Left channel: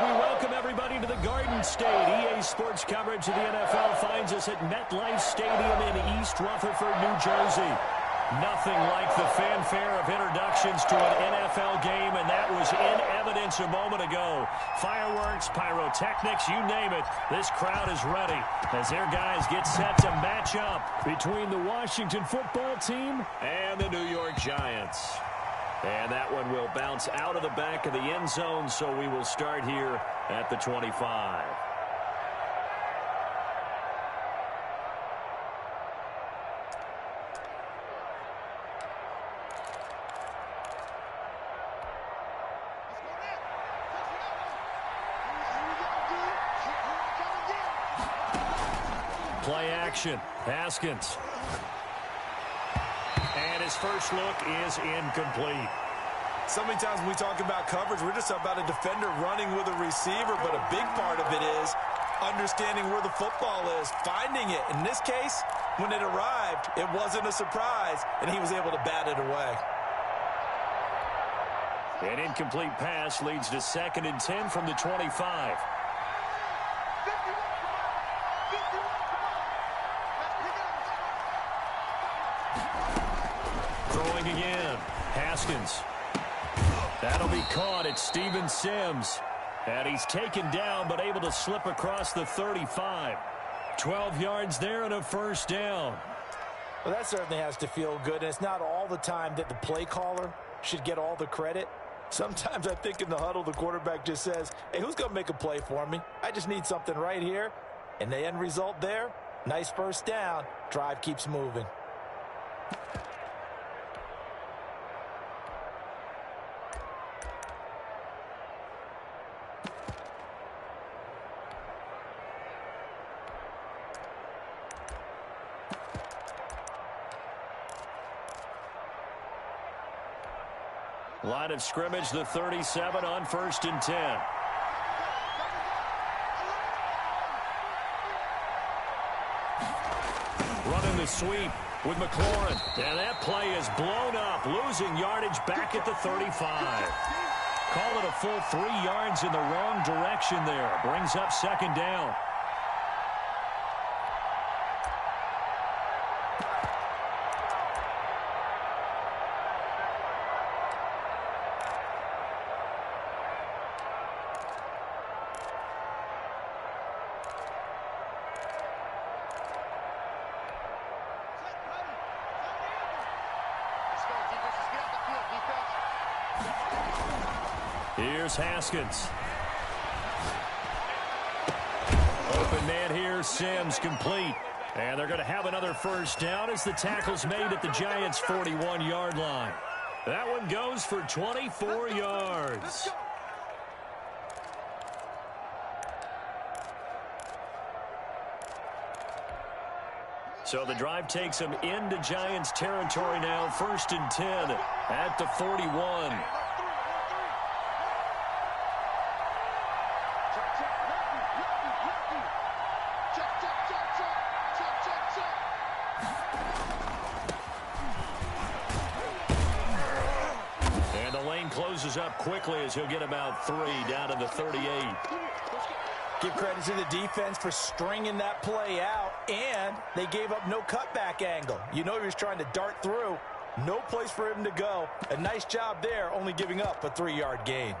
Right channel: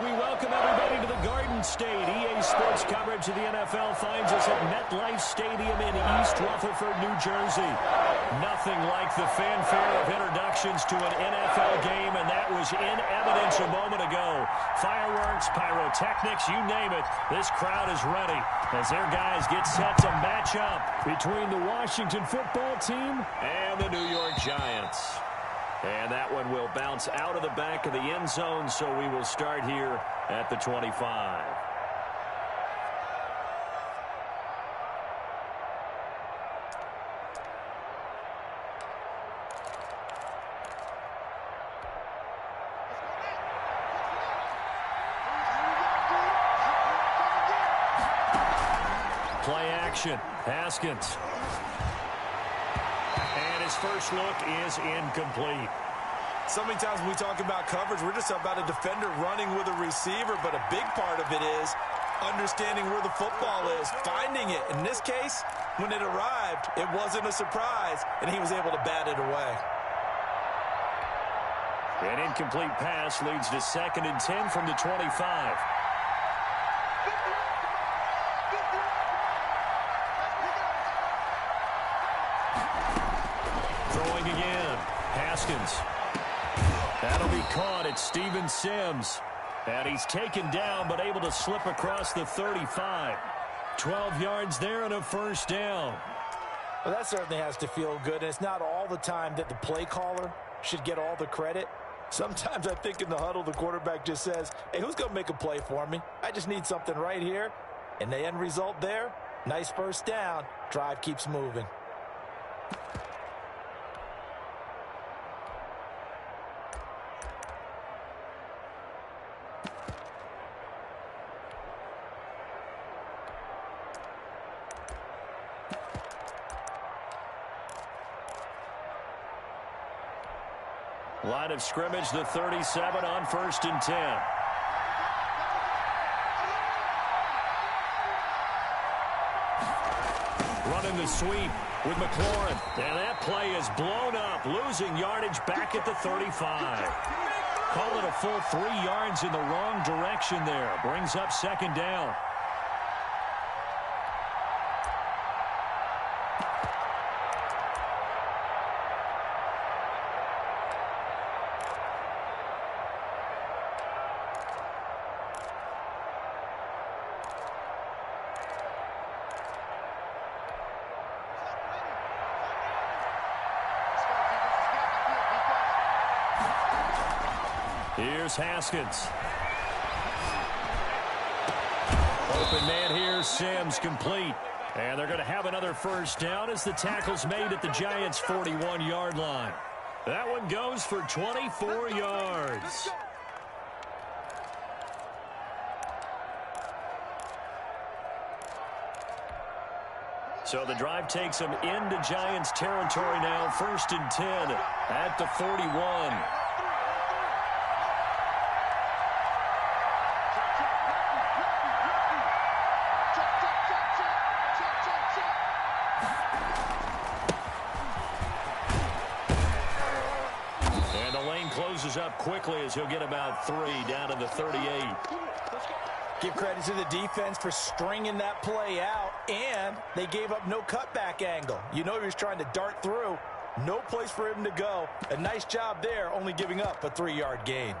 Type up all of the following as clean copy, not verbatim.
We welcome everybody to the Garden State. EA Sports coverage of the NFL finds us at MetLife Stadium in East Rutherford, New Jersey. Nothing like the fanfare of introductions to an NFL game, and that was in evidence a moment ago. Fireworks, pyrotechnics, you name it. This crowd is ready as their guys get set to match up between the Washington football team and the New York Giants. And that one will bounce out of the back of the end zone, so we will start here at the 25. Play action. Haskins. And his first look is incomplete. So many times when we talk about coverage, we're just about a defender running with a receiver, but a big part of it is understanding where the football is, finding it. In this case, when it arrived, it wasn't a surprise, and he was able to bat it away. An incomplete pass leads to 2nd and 10 from the 25. Throwing again. Haskins. That'll be caught at Steven Sims. And he's taken down but able to slip across the 35. 12 yards there and a first down. Well, that certainly has to feel good. And it's not all the time that the play caller should get all the credit. Sometimes I think in the huddle the quarterback just says, hey, who's going to make a play for me? I just need something right here. And the end result there, nice first down. Drive keeps moving. Line of scrimmage, the 37 on 1st and 10. Running the sweep with McLaurin. And that play is blown up, losing yardage back at the 35. Call it a full 3 yards in the wrong direction there. Brings up 2nd down. Here's Haskins. Open man here, Sims complete. And they're going to have another first down as the tackle's made at the Giants' 41-yard line. That one goes for 24 yards. So the drive takes them into Giants territory now. 1st and 10 at the 41. And the lane closes up quickly as he'll get about 3 down to the 38. Give credit to the defense for stringing that play out, and they gave up no cutback angle. You know he was trying to dart through. No place for him to go. A nice job there, only giving up a 3-yard gain.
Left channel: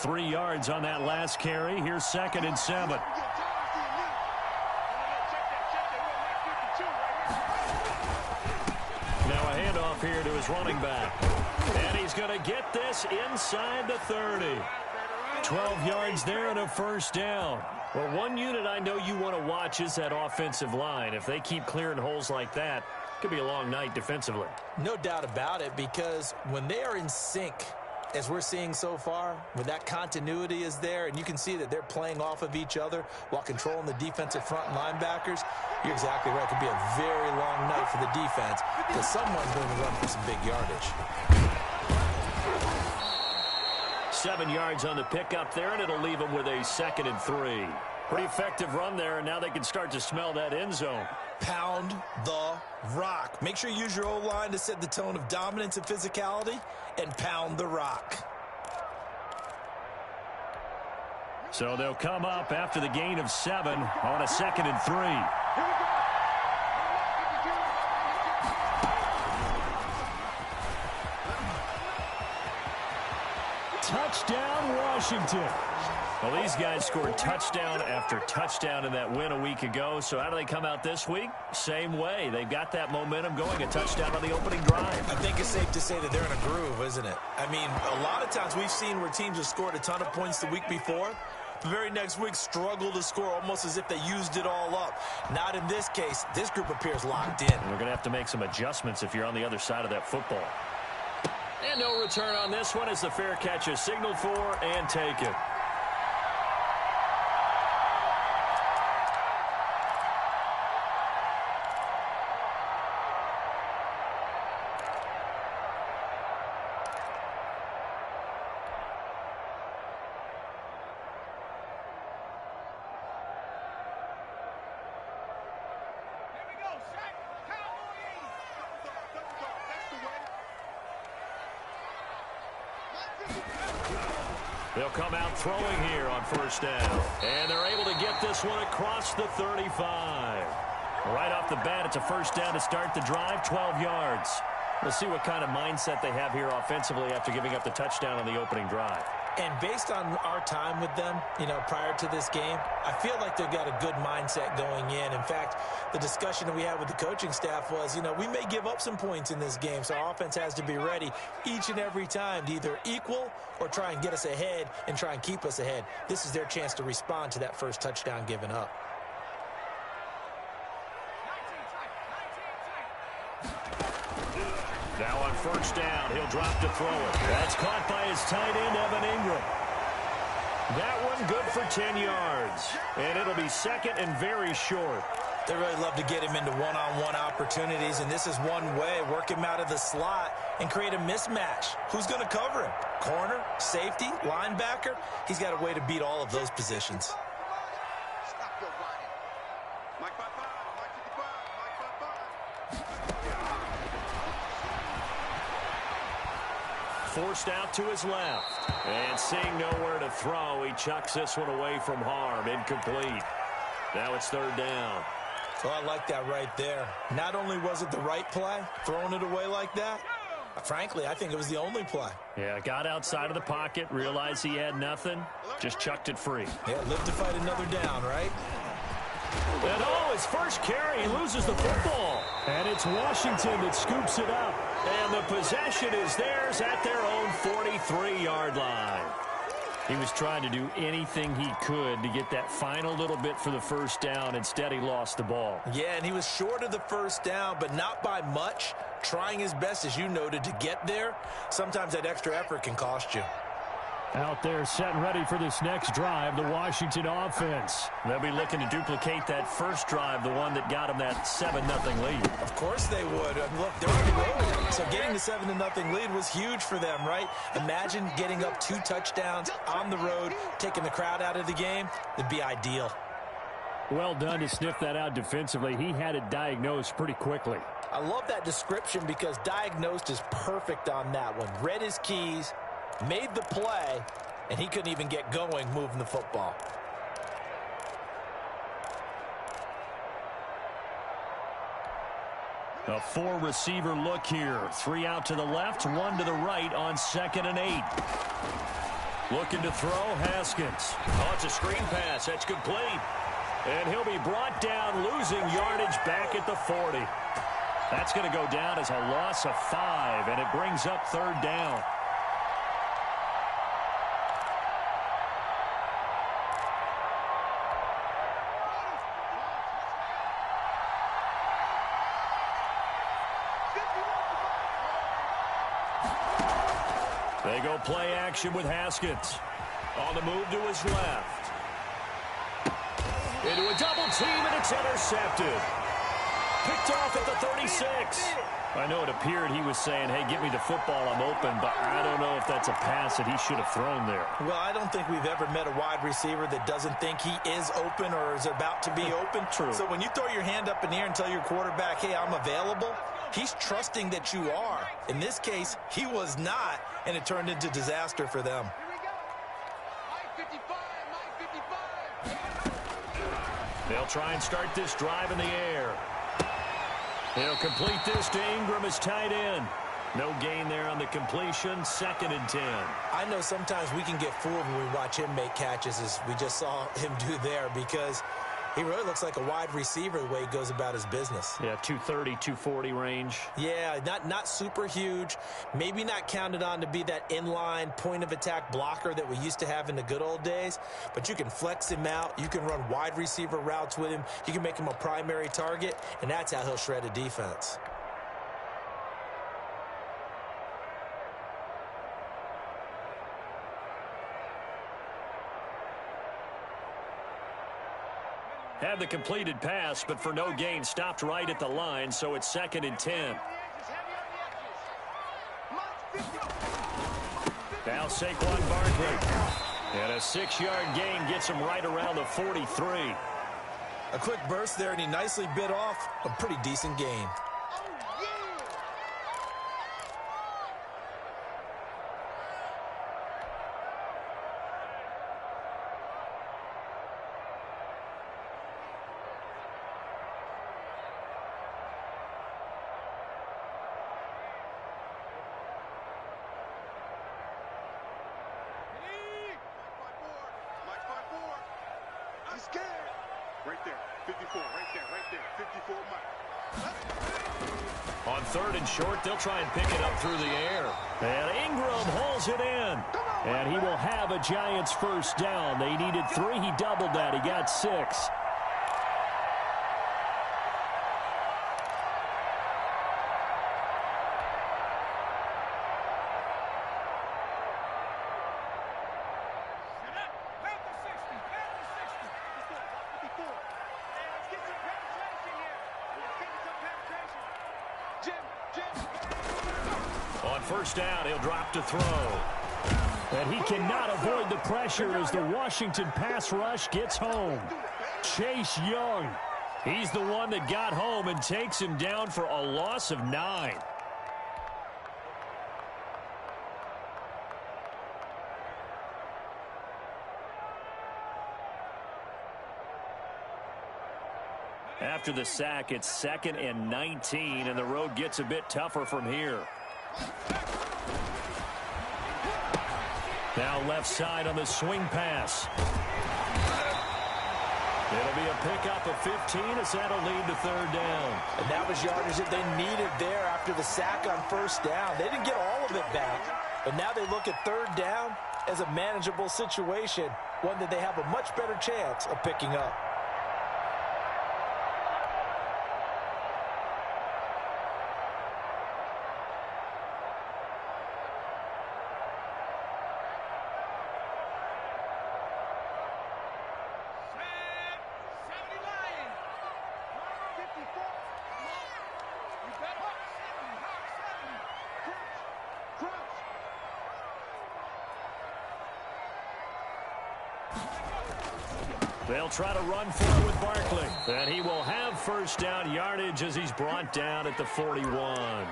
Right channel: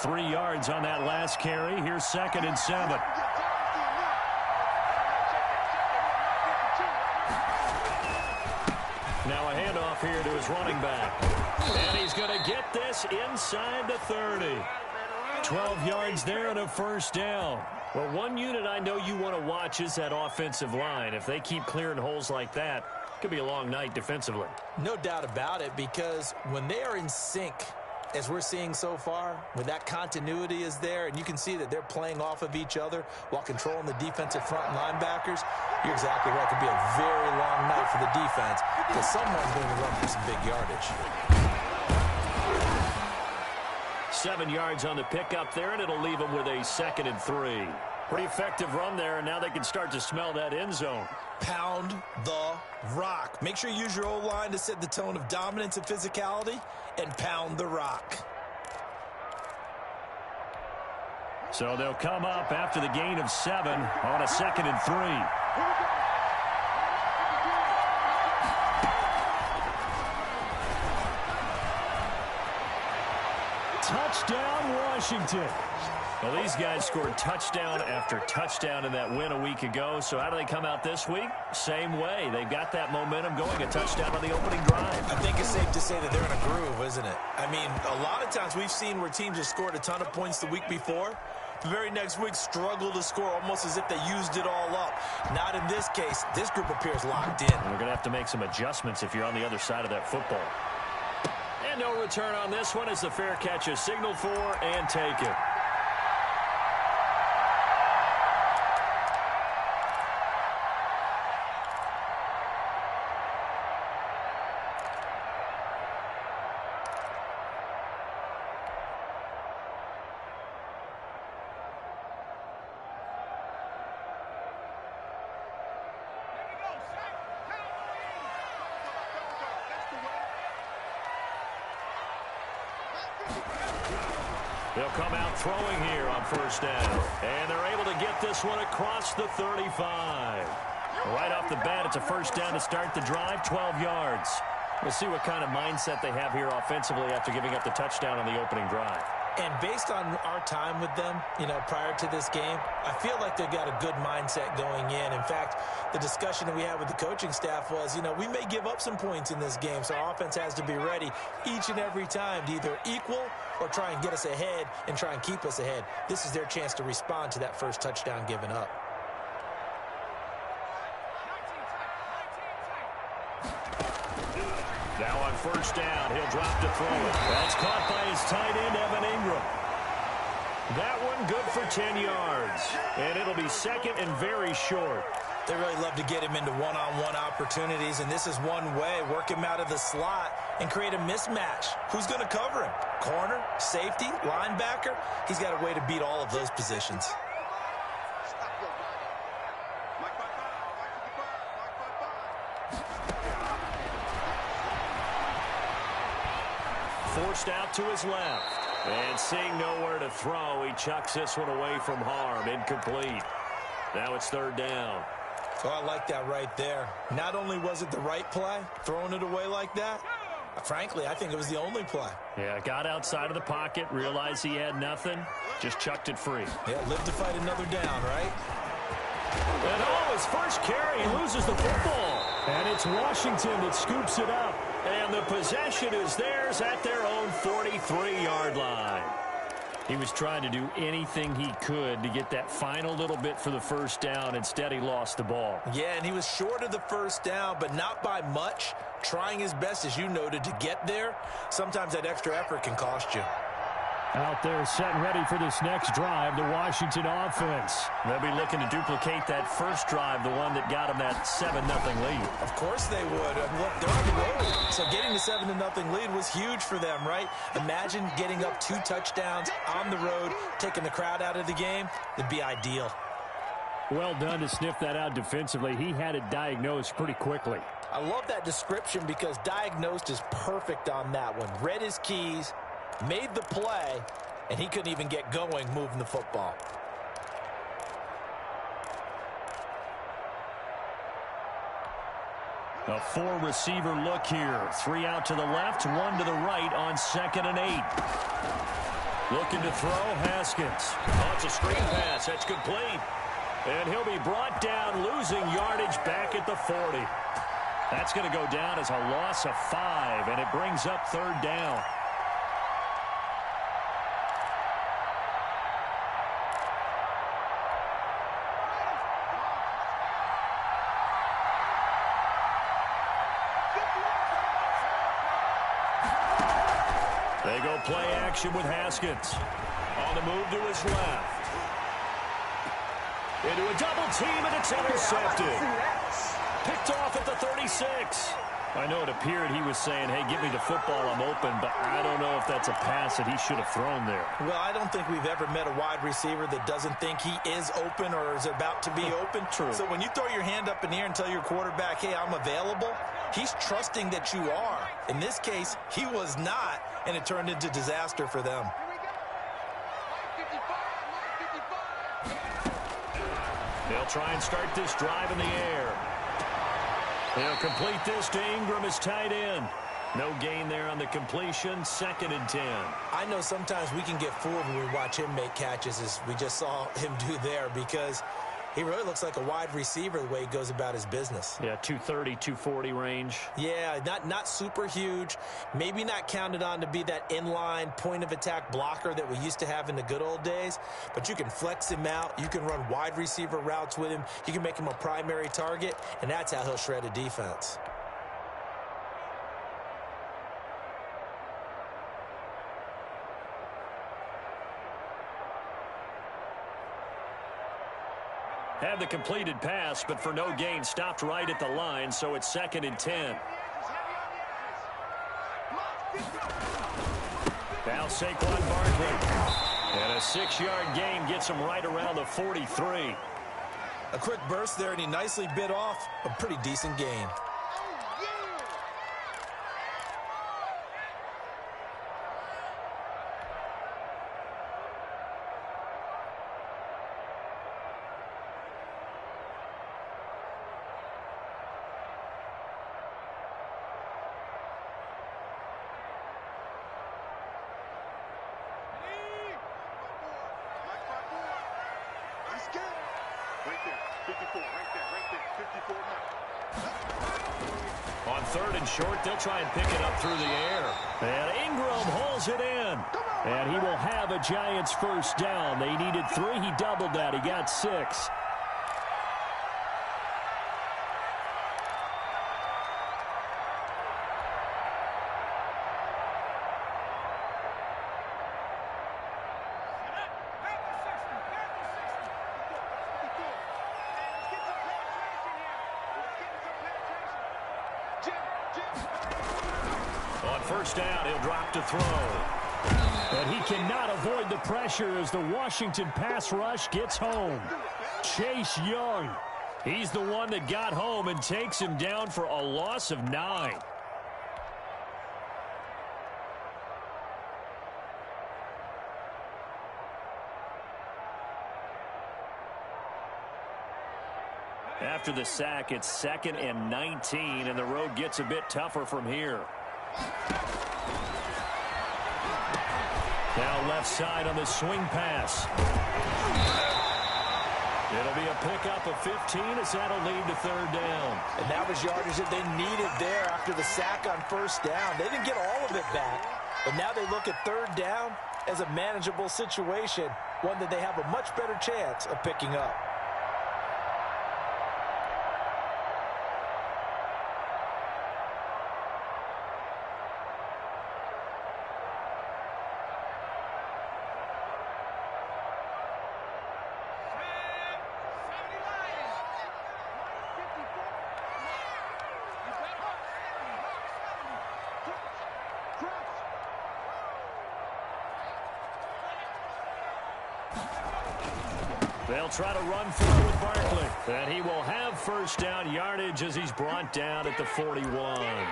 Three yards on that last carry. Here's 2nd and 7. Now a handoff here to his running back. And he's going to get this inside the 30. 12 yards there and a first down. Well, one unit I know you want to watch is that offensive line. If they keep clearing holes like that, it could be a long night defensively. No doubt about it, because when they are in sync, as we're seeing so far, when that continuity is there and you can see that they're playing off of each other while controlling the defensive front and linebackers, you're exactly right. It could be a very long night for the defense because someone's going to run for some big yardage. 7 yards on the pickup there, and it'll leave them with a 2nd and 3. Pretty effective run there, and now they can start to smell that end zone. Pound the rock. Make sure you use your O-line to set the tone of dominance and physicality, and pound the rock. So they'll come up after the gain of 7 on a 2nd and 3. Touchdown, Washington. Well, these guys scored touchdown after touchdown in that win a week ago. So how do they come out this week? Same way. They've got that momentum going, a touchdown on the opening drive. I think it's safe to say that they're in a groove, isn't it? I mean, a lot of times we've seen where teams have scored a ton of points the week before. The very next week struggle to score almost as if they used it all up. Not in this case. This group appears locked in. We're going to have to make some adjustments if you're on the other side of that football. And no return on this one as the fair catch is signaled for and taken. They'll come out throwing here on first down. And they're able to get this one across the 35. Right off the bat, it's a first down to start the drive, 12 yards. Let's see what kind of mindset they have here offensively after giving up the touchdown on the opening drive. And based on our time with them, prior to this game, I feel like they've got a good mindset going in. In fact, the discussion that we had with the coaching staff was, we may give up some points in this game, so our offense has to be ready each and every time to either equal or try and get us ahead and try and keep us ahead. This is their chance to respond to that first touchdown given up. Now on first down, he'll drop to throw it. That's caught by his tight end, Evan Ingram. That one good for 10 yards. And it'll be second and very short. They really love to get him into one-on-one opportunities, and this is one way. Work him out of the slot and create a mismatch. Who's going to cover him? Corner, safety, linebacker? He's got a way to beat all of those positions. Stop your running. Mike 5-5, Mike 55, Mike 5-5. Forced out to his left. And seeing nowhere to throw, he chucks this one away from harm. Incomplete. Now it's third down. So I like that right there. Not only was it the right play, throwing it away like that, frankly, I think it was the only play. Yeah, got outside of the pocket, realized he had nothing, just chucked it free. Yeah, live to fight another down, right? And his first carry, he loses the football. And it's Washington that scoops it up. And the possession is theirs at their own 43-yard line. He was trying to do anything he could to get that final little bit for the first down. Instead, he lost the ball. Yeah, and he was short of the first down, but not by much. Trying his best, as you noted, to get there. Sometimes that extra effort can cost you. Out there set and ready for this next drive, the Washington offense. They'll be looking to duplicate that first drive, the one that got them that 7-0 lead. Of course they would. Look, they're on the road, so getting the 7-0 lead was huge for them, right? Imagine getting up 2 touchdowns on the road, taking the crowd out of the game. It'd be ideal. Well done to sniff that out defensively. He had it diagnosed pretty quickly. I love that description because diagnosed is perfect on that one. Read his keys, made the play, and he couldn't even get going moving the football. A 4-receiver look here. 3 out to the left, 1 to the right on 2nd and 8. Looking to throw, Haskins. Oh, it's a screen pass. That's complete. And he'll be brought down, losing yardage back at the 40. That's going to go down as a loss of 5, and it brings up third down. They go play action with Haskins. On the move to his left. Into a double team, and it's intercepted. Picked off at the 36. I know it appeared he was saying, hey, give me the football, I'm open, but I don't know if that's a pass that he should have thrown there. Well, I don't think we've ever met a wide receiver that doesn't think he is open or is about to be open. True. So when you throw your hand up in the air and tell your quarterback, hey, I'm available, he's trusting that you are. In this case, he was not, and it turned into disaster for them. Here we go. Mike 55, Mike 55. They'll try and start this drive in the air. He'll complete this to Ingram as tight end. No gain there on the completion. 2nd and 10. I know sometimes we can get fooled when we watch him make catches, as we just saw him do there, because he really looks like a wide receiver the way he goes about his business. Yeah, 230, 240 range. Yeah, not super huge. Maybe not counted on to be that inline point-of-attack blocker that we used to have in the good old days. But you can flex him out. You can run wide receiver routes with him. You can make him a primary target, and that's how he'll shred a defense. Had the completed pass, but for no gain, stopped right at the line, so it's 2nd and 10. Now Saquon Barkley. And a 6-yard gain gets him right around the 43. A quick burst there, and he nicely bit off a pretty decent gain. Right there, 54, right there, 54, Mike. On 3rd and short, they'll try and pick it up through the air. And Ingram hauls it in. And he will have a Giants first down. They needed 3. He doubled that. He got 6. On first down, he'll drop to throw. And he cannot avoid the pressure as the Washington pass rush gets home. Chase Young, he's the one that got home and takes him down for a loss of 9. After the sack, it's 2nd and 19, and the road gets a bit tougher from here. Now left side on the swing pass. It'll be a pickup of 15 as that'll lead to 3rd down. And that was yardage that they needed there after the sack on first down. They didn't get all of it back, but now they look at 3rd down as a manageable situation, one that they have a much better chance of picking up. They'll try to run for it with Barkley. And he will have first down yardage as he's brought down at the 41.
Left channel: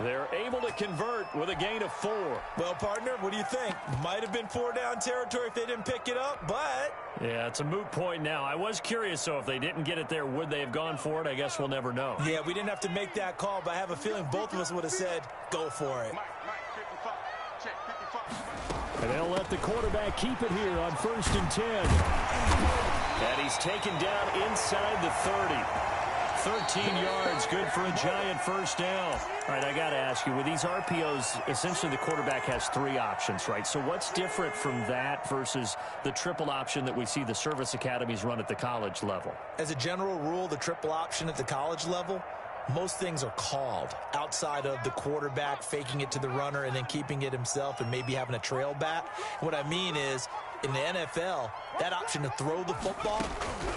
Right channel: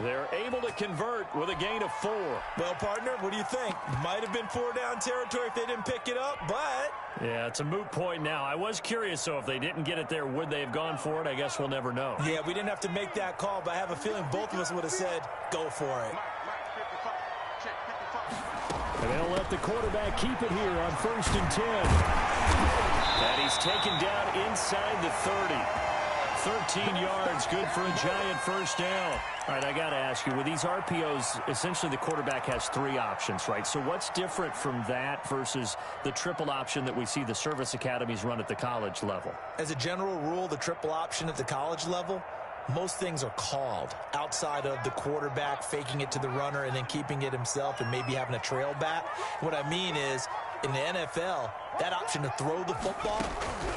They're able to convert with a gain of 4. Well, partner, what do you think? Might have been 4-down territory if they didn't pick it up, but... Yeah, it's a moot point now. I was curious, so if they didn't get it there, would they have gone for it? I guess we'll never know. Yeah, we didn't have to make that call, but I have a feeling both of us would have said, go for it. Mike, 55. Check, 55. And they'll let the quarterback keep it here on 1st and 10. And he's taken down inside the 30. 13 yards, good for a Giant first down. All right, I got to ask you, with these RPOs, essentially the quarterback has 3 options, right? So what's different from that versus the triple option that we see the service academies run at the college level? As a general rule, the triple option at the college level, most things are called outside of the quarterback faking it to the runner and then keeping it himself and maybe having a trail back. What I mean is in the NFL, that option to throw the football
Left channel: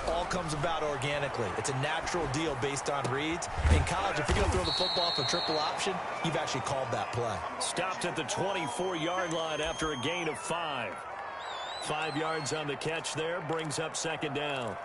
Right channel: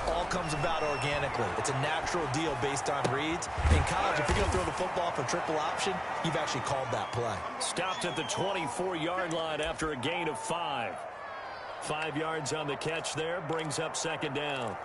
all comes about organically. It's a natural deal based on reads. In college, if you're going to throw the football for triple option, you've actually called that play. Stopped at the 24-yard line after a gain of 5. 5 yards on the catch there, brings up second down.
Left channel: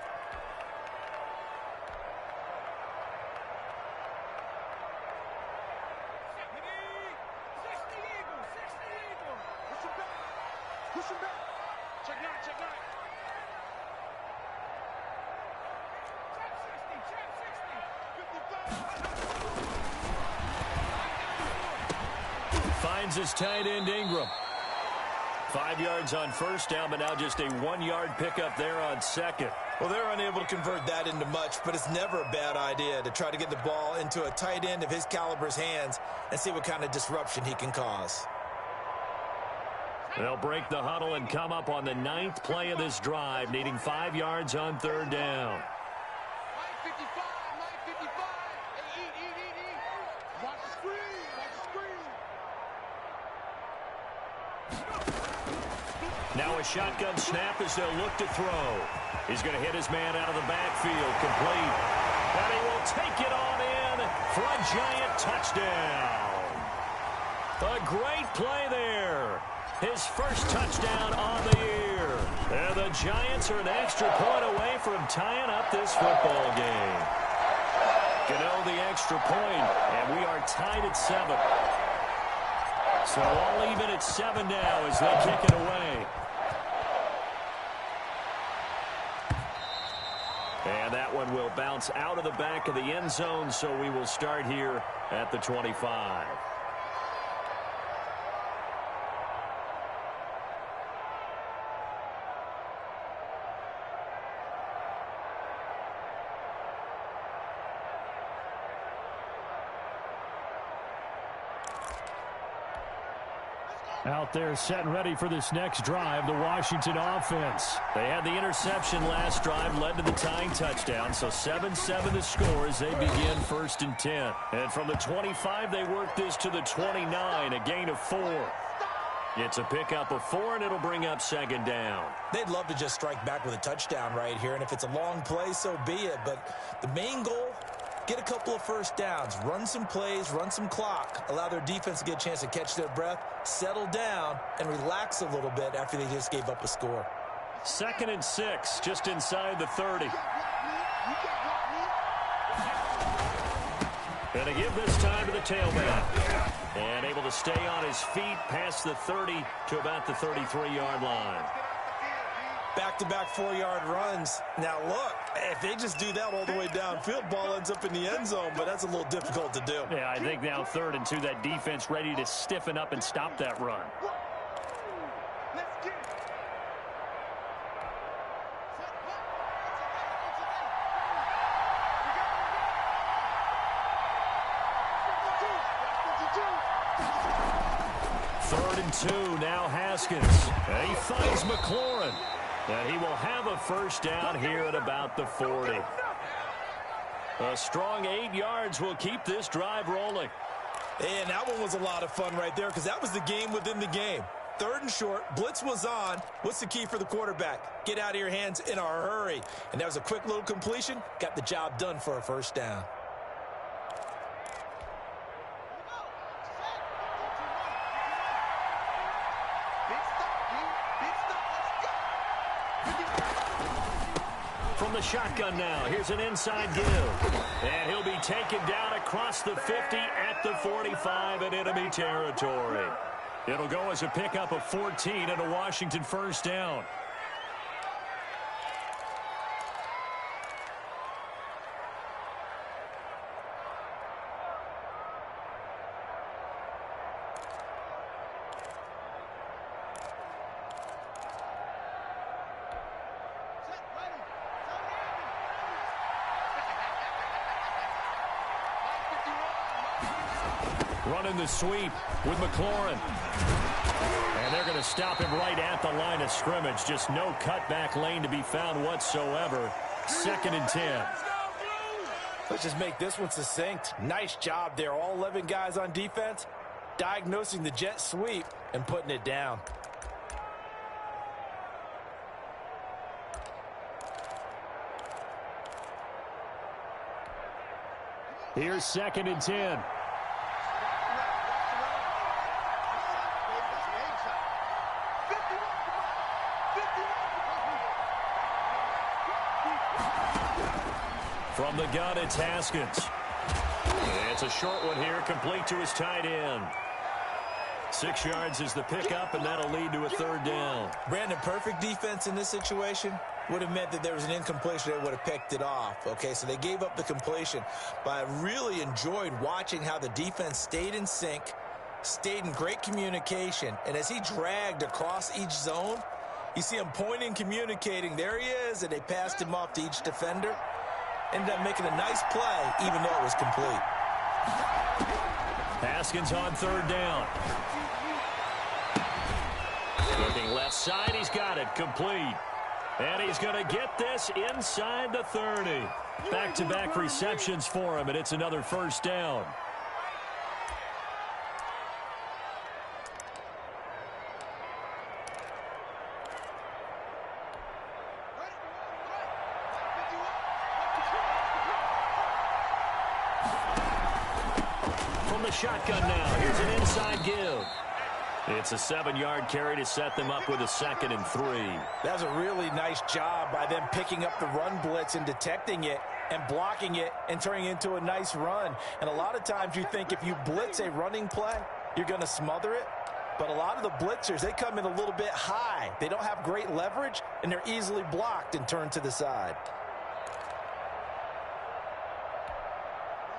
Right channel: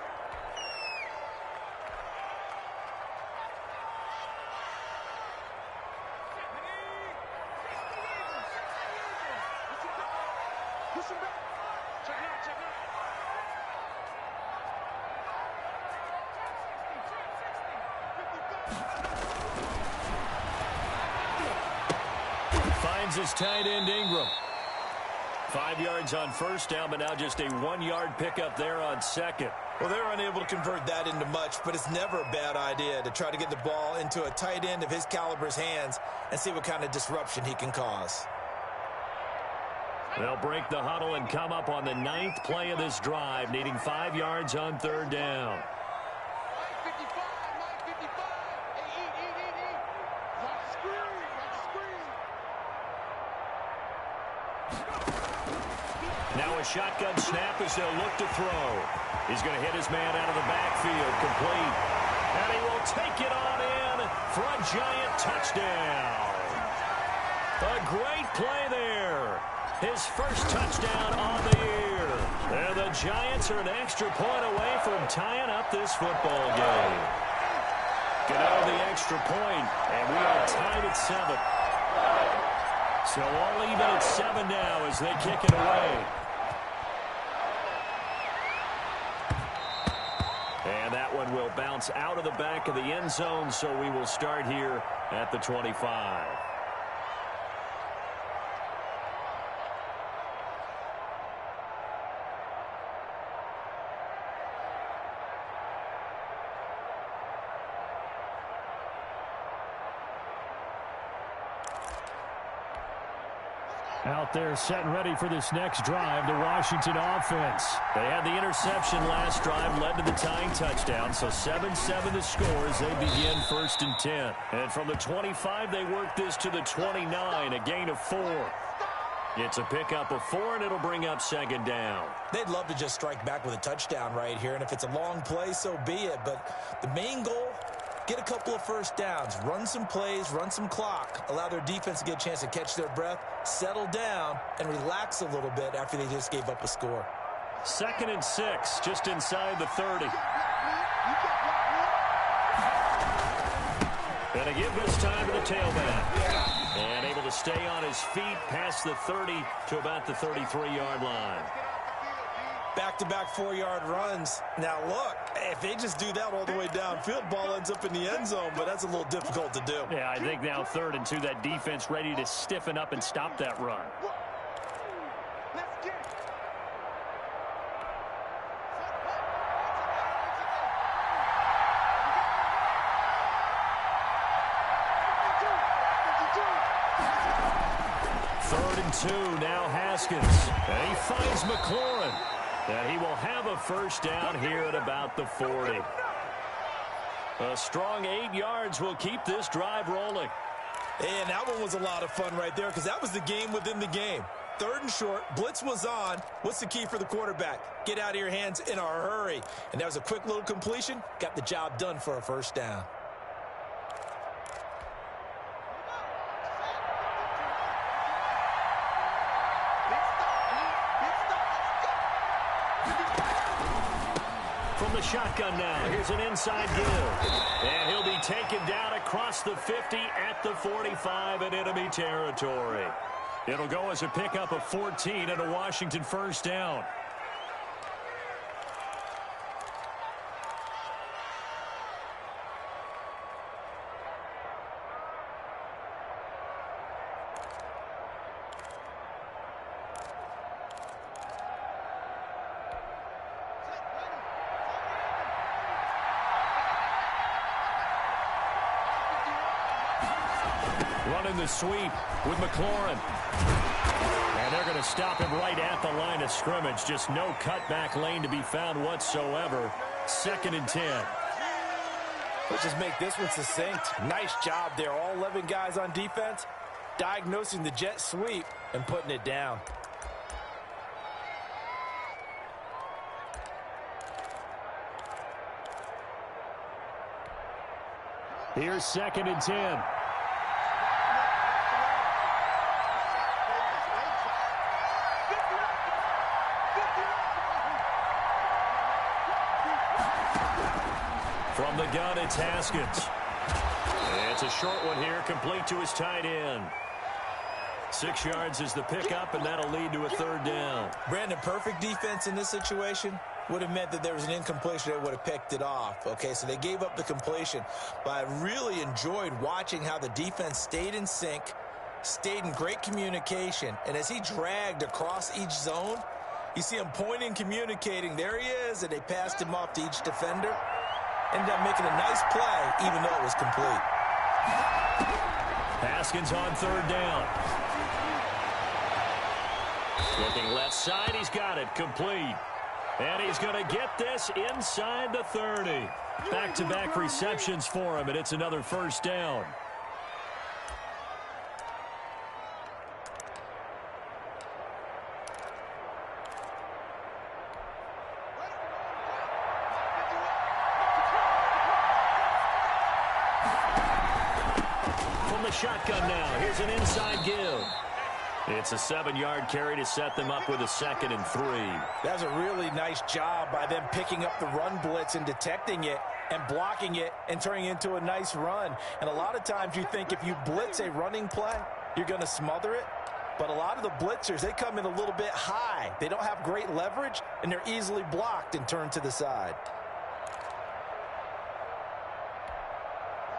Finds his tight end Ingram. 5 yards on first down, but now just a 1-yard pickup there on second. Well, they're unable to convert that into much, but it's never a bad idea to try to get the ball into a tight end of his caliber's hands and see what kind of disruption he can cause. They'll break the huddle and come up on the 9th play of this drive, needing 5 yards on third down. Mike 55, Mike 55. Hey, eat. Watch the screen, watch the screen. Now a shotgun snap as they'll look to throw. He's going to hit his man out of the backfield, complete. And he will take it on in for a giant touchdown. A great play there. His first touchdown on the year. And the Giants are an extra point away from tying up this football game. Gano the extra point, and we are tied at 7. So all even at 7 now as they kick it away. And that one will bounce out of the back of the end zone, so we will start here at the 25. Out there set and ready for this next drive, the Washington offense. They had the interception last drive, led to the tying touchdown, so 7-7 the score as they begin 1st and 10. And from the 25, they work this to the 29, a gain of 4. It's a pickup of 4, and it'll bring up second down. They'd love to just strike back with a touchdown right here, and if it's a long play, so be it. But the main goal, get a couple of first downs, run some plays, run some clock, allow their defense to get a chance to catch their breath, settle down, and relax a little bit after they just gave up a score. 2nd and 6, just inside the 30. And a give this time to the tailback. And able to stay on his feet past the 30 to about the 33-yard line. Back-to-back 4-yard runs. Now, look, if they just do that all the way downfield, ball ends up in the end zone, but that's a little difficult to do. Yeah, I think now 3rd and 2, that defense ready to stiffen up and stop that run. Let's get it. Third and 2, now Haskins. And he finds McLaurin. And he will have a first down here at about the 40. A strong 8 yards will keep this drive rolling. And that one was a lot of fun right there because that was the game within the game. 3rd and short, blitz was on. What's the key for the quarterback? Get out of your hands in a hurry. And that was a quick little completion. Got the job done for a first down. From the shotgun now, here's an inside give. And he'll be taken down across the 50 at the 45 in enemy territory. It'll go as a pickup of 14 and a Washington first down. Running the sweep with McLaurin. And they're going to stop him right at the line of scrimmage. Just no cutback lane to be found whatsoever. 2nd and 10. Let's just make this one succinct. Nice job there. All 11 guys on defense diagnosing the jet sweep and putting it down. Here's 2nd and 10. From the gun, it's Haskins. It's a short one here, complete to his tight end. 6 yards is the pickup, and that'll lead to a 3rd down. Brandon, perfect defense in this situation would have meant that there was an incompletion. They would have picked it off. Okay, so they gave up the completion. But I really enjoyed watching how the defense stayed in sync, stayed in great communication, and as he dragged across each zone, you see him pointing, communicating. There he is, and they passed him off to each defender. Ended up making a nice play, even though it was complete. Haskins on 3rd down. Looking left side, he's got it, complete. And he's going to get this inside the 30. Back-to-back receptions for him, and it's another 1st down. From the shotgun now, here's an inside give. It's a 7-yard carry to set them up with a 2nd and 3. That was a really nice job by them picking up the run blitz and detecting it and blocking it and turning it into a nice run. And a lot of times you think if you blitz a running play, you're going to smother it. But a lot of the blitzers, they come in a little bit high. They don't have great leverage, and they're easily blocked and turned to the side.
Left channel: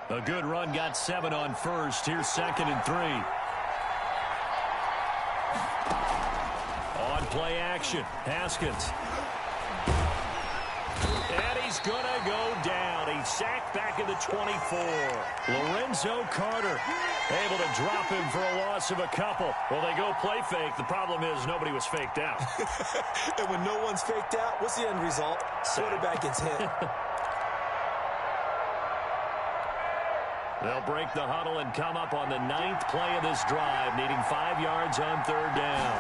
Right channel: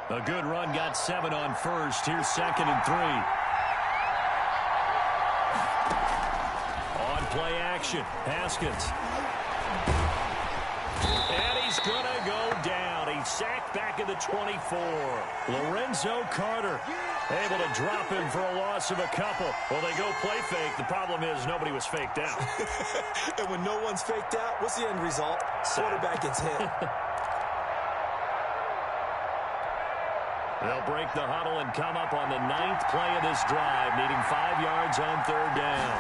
A good run, got 7 on 1st. Here's 2nd and 3. On play action, Haskins. And he's going to go down. He's sacked back at the 24. Lorenzo Carter able to drop him for a loss of a couple. Well, they go play fake. The problem is nobody was faked out. And when no one's faked out, what's the end result? Quarterback gets hit. They'll break the huddle and come up on the 9th play of this drive, needing 5 yards on 3rd down.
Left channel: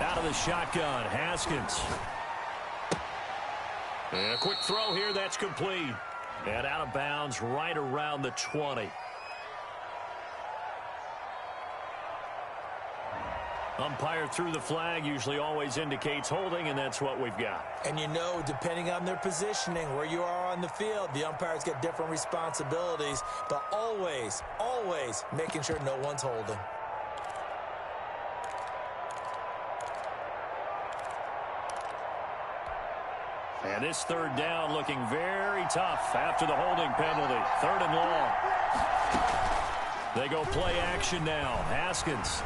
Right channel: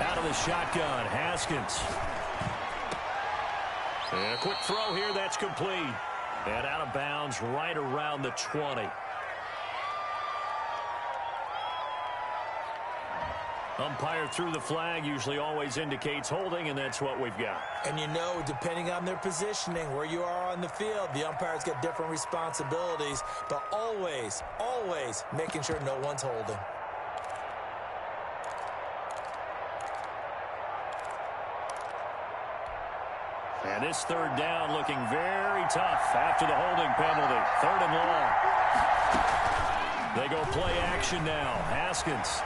Out of the shotgun, Haskins. And a quick throw here, that's complete. And out of bounds right around the 20. Umpire threw the flag, usually always indicates holding, and that's what we've got. And you know, depending on their positioning, where you are on the field, the umpires get different responsibilities, but always, always making sure no one's holding. And this 3rd down looking very tough after the holding penalty. 3rd and long. They go play action now. Haskins.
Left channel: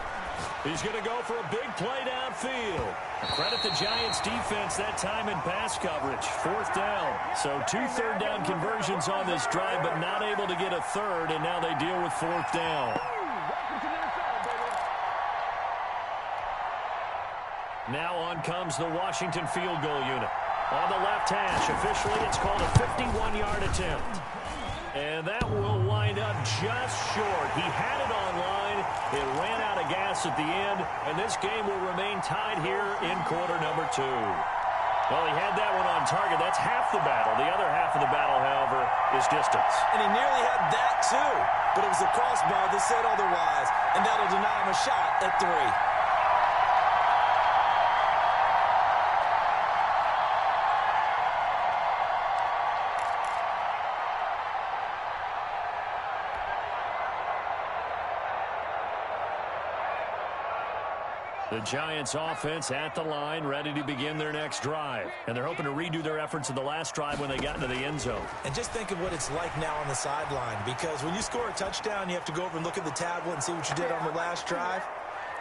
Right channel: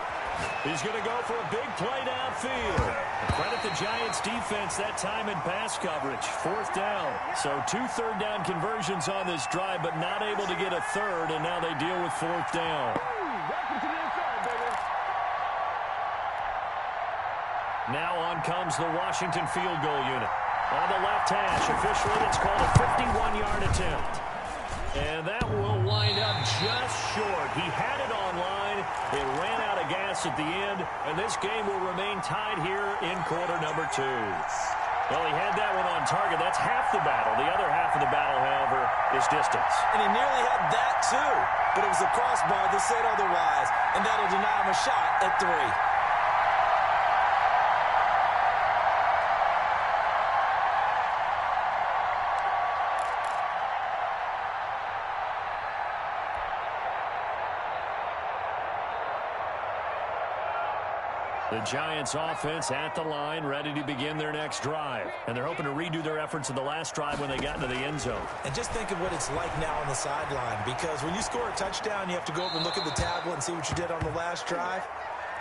He's going to go for a big play downfield. Credit the Giants defense that time in pass coverage. 4th down. So 2 3rd down conversions on this drive, but not able to get a 3rd, and now they deal with 4th down. Now on comes the Washington field goal unit. On the left hash, officially it's called a 51-yard attempt. And that will wind up just short. He had it on line. It ran out of gas at the end, and this game will remain tied here in quarter number 2. Well, he had that one on target. That's half the battle. The other half of the battle, however, is distance. And he nearly had that, too. But it was the crossbar that said otherwise, and that'll deny him a shot at 3. The Giants offense at the line, ready to begin their next drive. And they're hoping to redo their efforts in the last drive when they got into the end zone. And just think of what it's like now on the sideline, because when you score a touchdown, you have to go over and look at the tablet and see what you did on the last drive.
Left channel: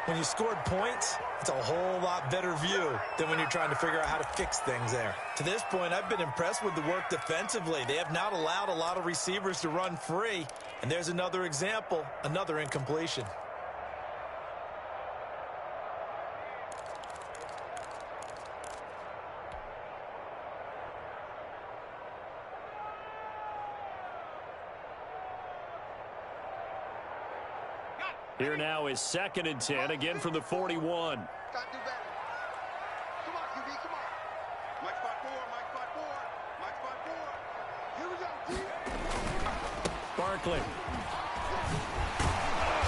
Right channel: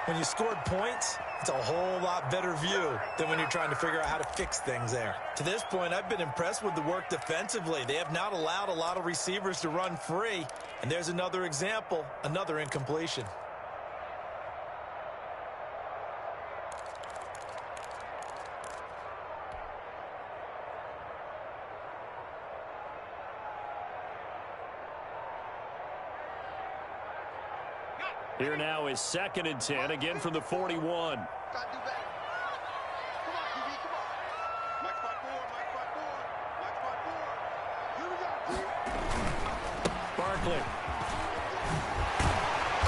When you scored points, it's a whole lot better view than when you're trying to figure out how to fix things there. To this point, I've been impressed with the work defensively. They have not allowed a lot of receivers to run free. And there's another example, another incompletion. Here now is 2nd and 10, again from the 41. Gotta do better. Come on, QB, come on. Mike spot 4, Mike spot 4, Mike spot 4. Barkley.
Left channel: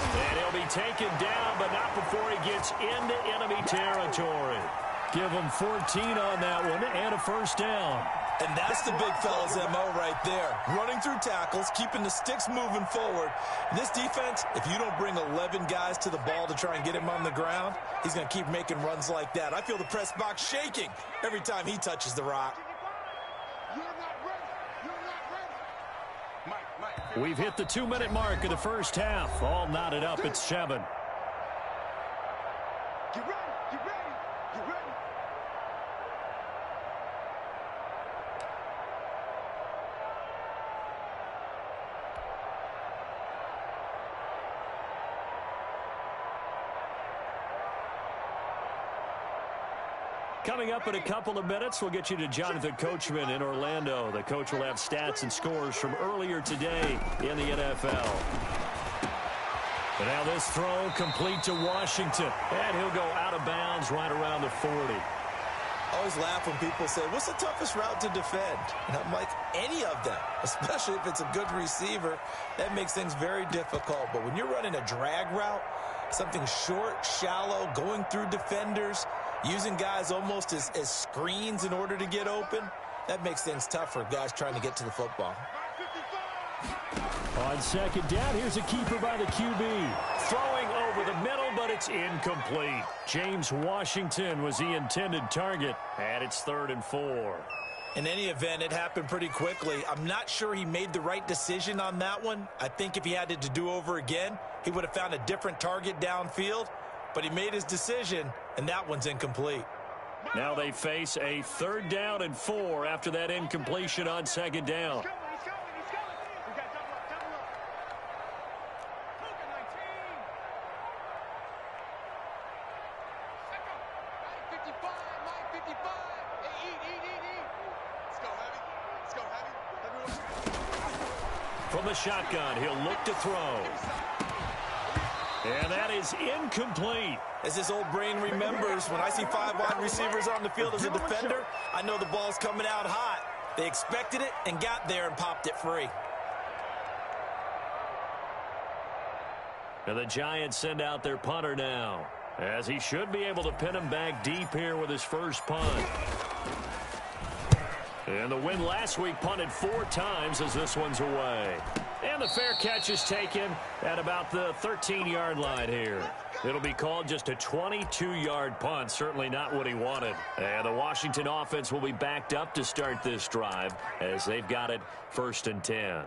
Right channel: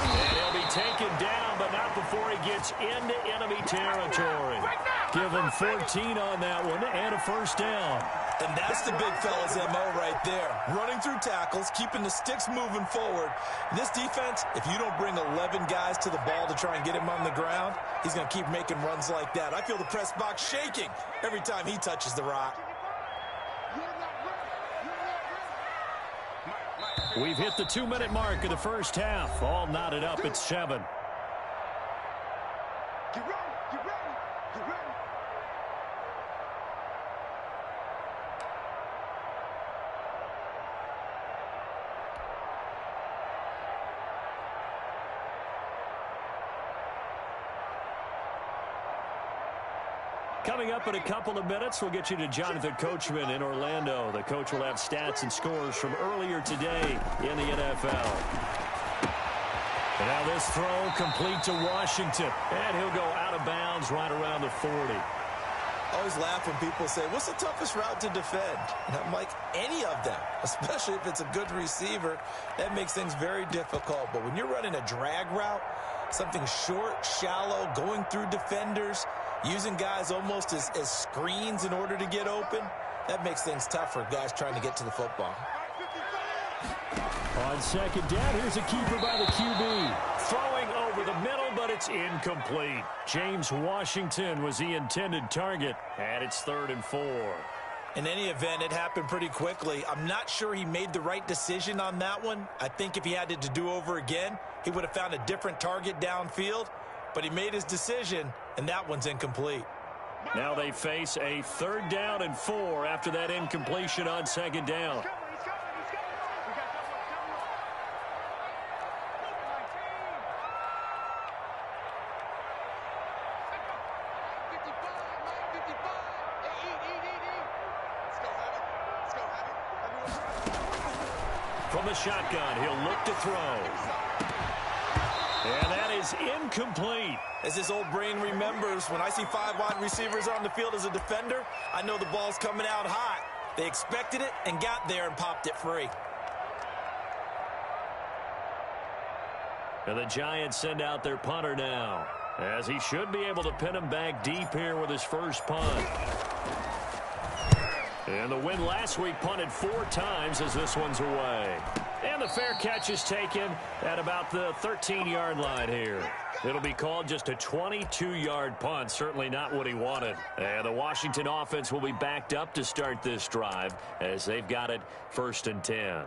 And he'll be taken down, but not before he gets into enemy territory. Give him 14 on that one and a first down. And that's the big fella's MO right there. Running through tackles, keeping the sticks moving forward. In this defense, if you don't bring 11 guys to the ball to try and get him on the ground, he's going to keep making runs like that. I feel the press box shaking every time he touches the rock. We've hit the 2-minute mark of the first half. All knotted up at 7. Get ready, get ready, get ready. Coming up in a couple of minutes, we'll get you to Jonathan Coachman in Orlando. The coach will have stats and scores from earlier today in the NFL. And now this throw complete to Washington. And he'll go out of bounds right around the 40. I always laugh when people say, what's the toughest route to defend? And I'm like, any of them, especially if it's a good receiver. That makes things very difficult. But when you're running a drag route, something short, shallow, going through defenders, using guys almost as screens in order to get open, that makes things tough for guys trying to get to the football. On second down, here's a keeper by the QB. Throwing over the middle, but it's incomplete. James Washington was the intended target, and it's 3rd and 4. In any event, it happened pretty quickly. I'm not sure he made the right decision on that one. I think if he had to do over again, he would have found a different target downfield. But he made his decision, and that one's incomplete. Now they face a 3rd down and 4 after that incompletion on second down. He's coming, he's coming. We got double up, double up. Look at 19. Second. Mike 55, Mike 55. Hey, eat. Let's go, heavy. Let's go, heavy. Everyone. From the shotgun, he'll look to throw. And that is incomplete. As his old brain remembers, when I see 5 wide receivers on the field as a defender, I know the ball's coming out hot. They expected it and got there and popped it free. And the Giants send out their punter now, as he should be able to pin him back deep here with his first punt. And the win last week punted 4 times as this one's away. And the fair catch is taken at about the 13-yard line here. It'll be called just a 22-yard punt, certainly not what he wanted. And the Washington offense will be backed up to start this drive as they've got it 1st and 10.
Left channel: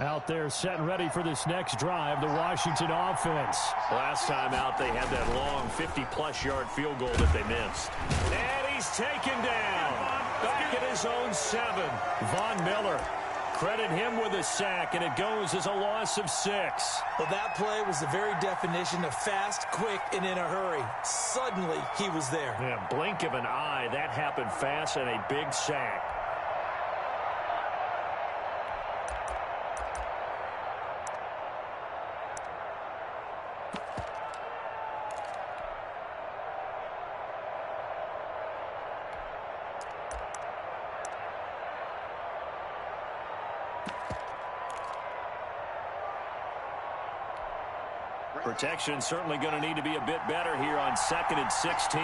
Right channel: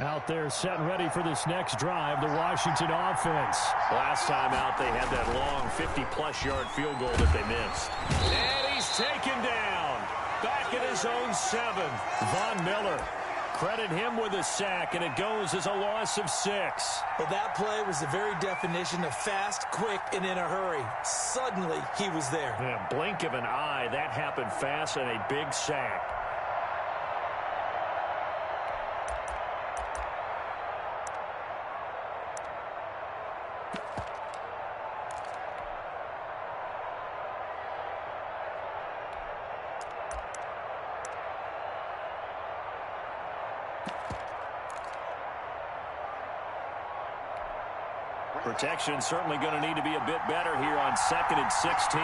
Out there set and ready for this next drive, the Washington offense. Last time out, they had that long 50-plus yard field goal that they missed. And he's taken down. Back at his own 7. Von Miller. Credit him with a sack, and it goes as a loss of 6. Well, that play was the very definition of fast, quick, and in a hurry. Suddenly, he was there. Yeah, blink of an eye, that happened fast and a big sack. Protection certainly going to need to be a bit better here on 2nd and 16.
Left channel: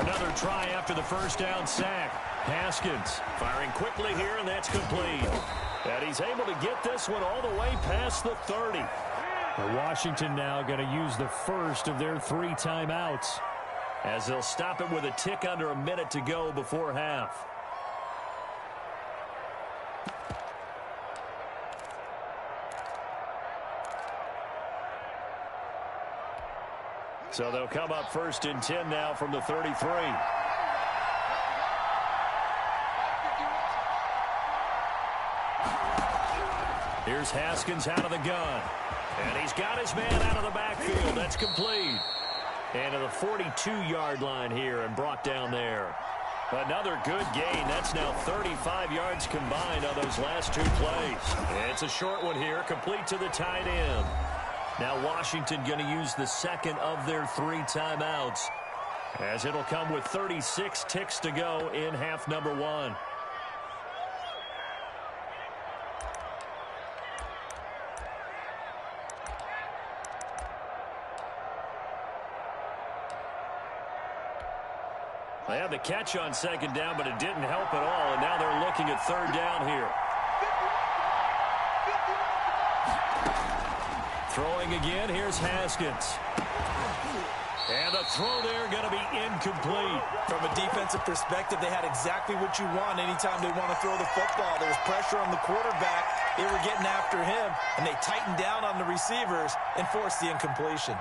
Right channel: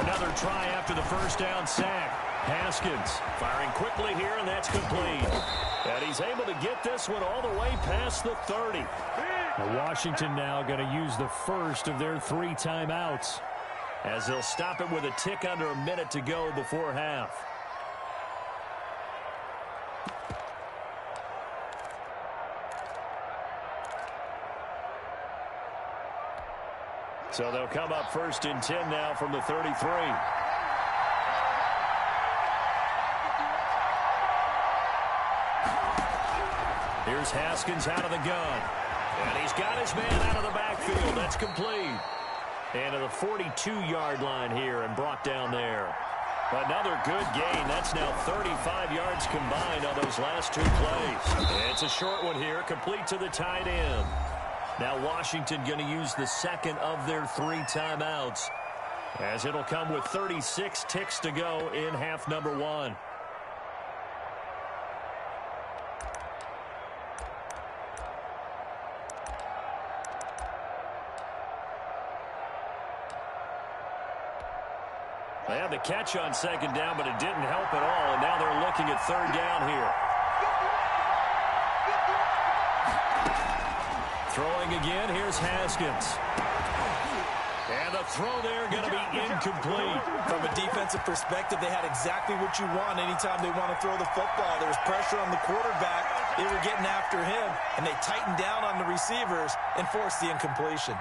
Another try after the first down sack. Haskins firing quickly here, and that's complete. And he's able to get this one all the way past the 30. Now Washington now going to use the first of their 3 timeouts, as they'll stop it with a tick under a minute to go before half. So they'll come up 1st and 10 now from the 33. Here's Haskins out of the gun. And he's got his man out of the backfield. That's complete. And to the 42-yard line here and brought down there. Another good gain. That's now 35 yards combined on those last two plays. It's a short one here, complete to the tight end. Now Washington going to use the second of their 3 timeouts, as it'll come with 36 ticks to go in half number 1. They had the catch on second down, but it didn't help at all, and now they're looking at third down here. Throwing again, here's Haskins. And the throw there going to be incomplete. From a defensive perspective, they had exactly what you want anytime they want to throw the football. There was pressure on the quarterback. They were getting after him, and they tightened down on the receivers and forced the incompletion.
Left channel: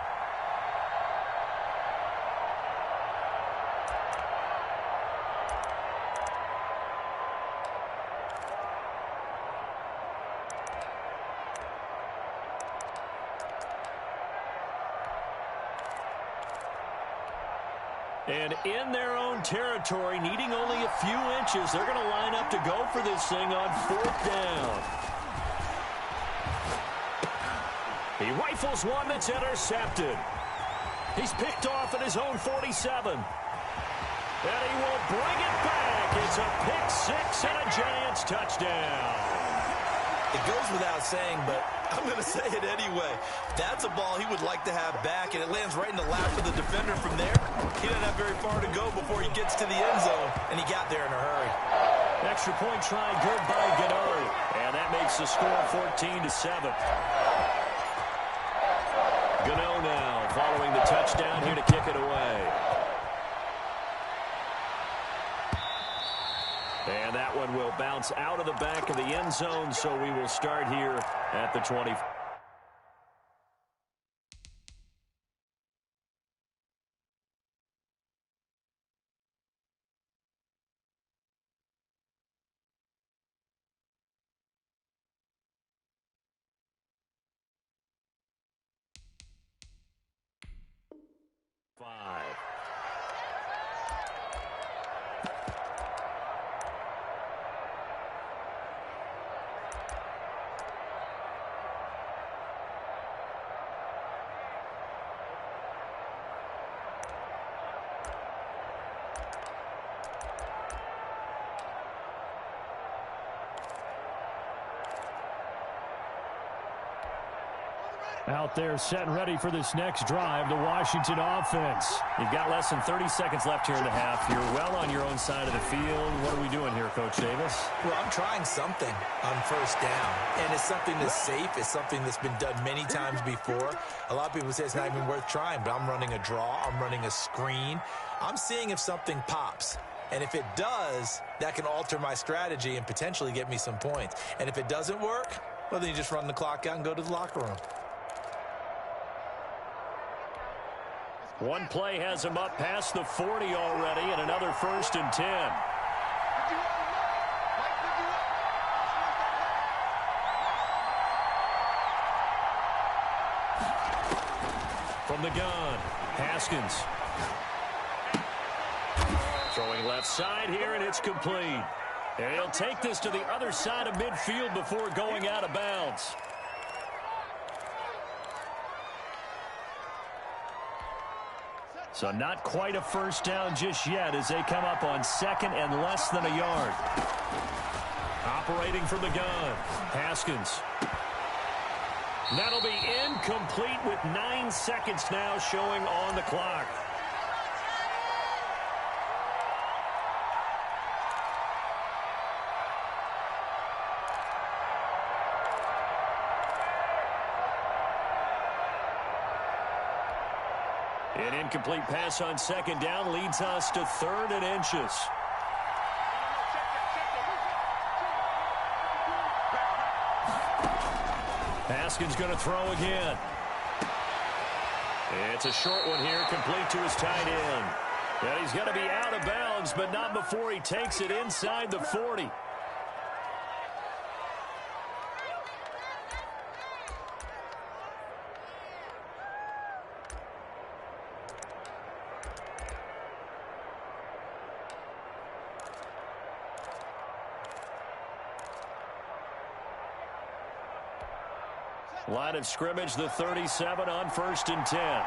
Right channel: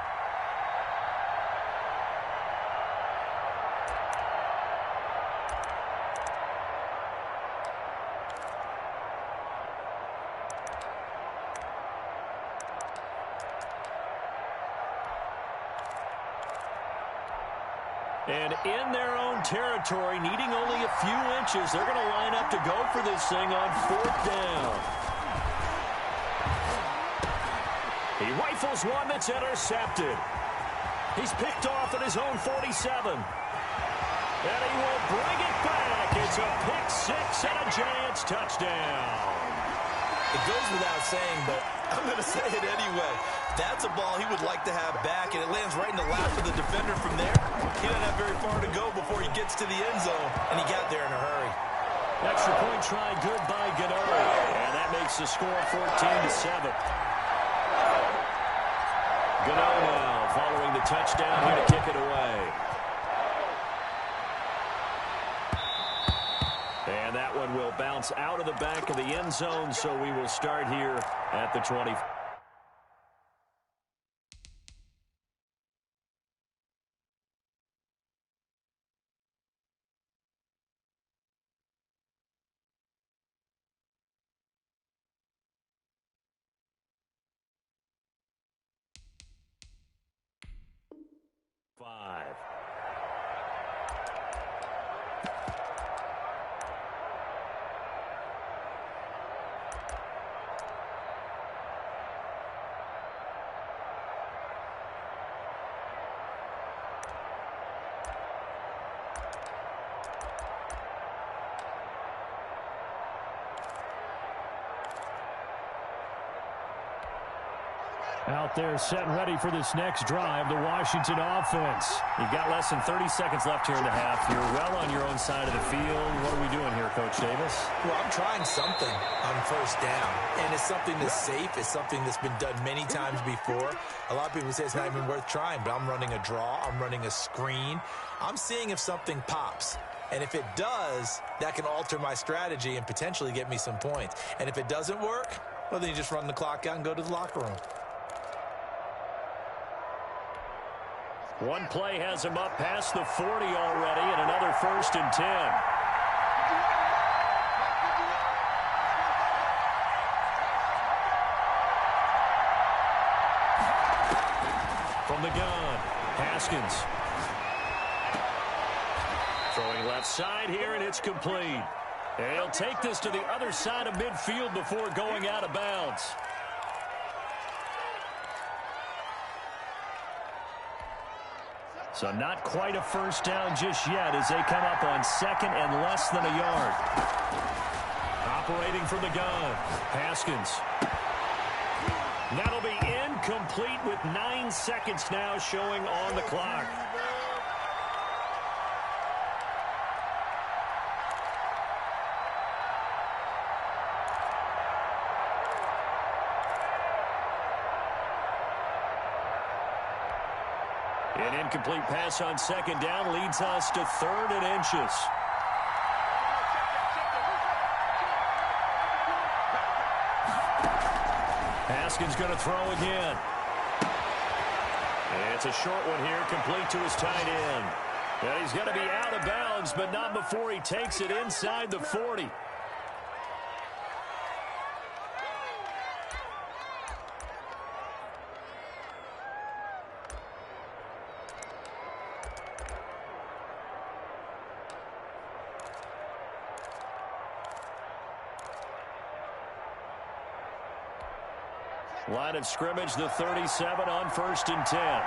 And in their own territory, needing only a few inches, they're going to line up to go for this thing on fourth down. He rifles one that's intercepted. He's picked off at his own 47. And he will bring it back. It's a pick six and a Giants touchdown. It goes without saying, but I'm going to say it anyway. That's a ball he would like to have back, and it lands right in the lap of the defender from there. He doesn't have very far to go before he gets to the end zone, and he got there in a hurry. Extra point try good by Gano, and that makes the score 14-7. Gano now following the touchdown here to kick it away. And that one will bounce out of the back of the end zone, so we will start here at the 20. Out there set and ready for this next drive, the Washington offense. You've got less than 30 seconds left here in the half. You're well on your own side of the field. What are we doing here, Coach Davis? Well, I'm trying something on first down, and it's something that's safe. It's something that's been done many times before. A lot of people say it's not even worth trying, but I'm running a draw. I'm running a screen. I'm seeing if something pops. And if it does, that can alter my strategy and potentially get me some points. And if it doesn't work, well, then you just run the clock out and go to the locker room. One play has him up past the 40 already, and another 1st and 10. From the gun, Haskins. Throwing left side here, and it's complete. And he'll take this to the other side of midfield before going out of bounds. So not quite a first down just yet as they come up on second and less than a yard. Operating from the gun, Haskins. That'll be incomplete with 9 seconds now showing on the clock. An incomplete pass on second down leads us to 3rd and inches. Haskins going to throw again. It's a short one here, complete to his tight end. And he's going to be out of bounds, but not before he takes it inside the 40. Line of scrimmage, the 37 on 1st and 10.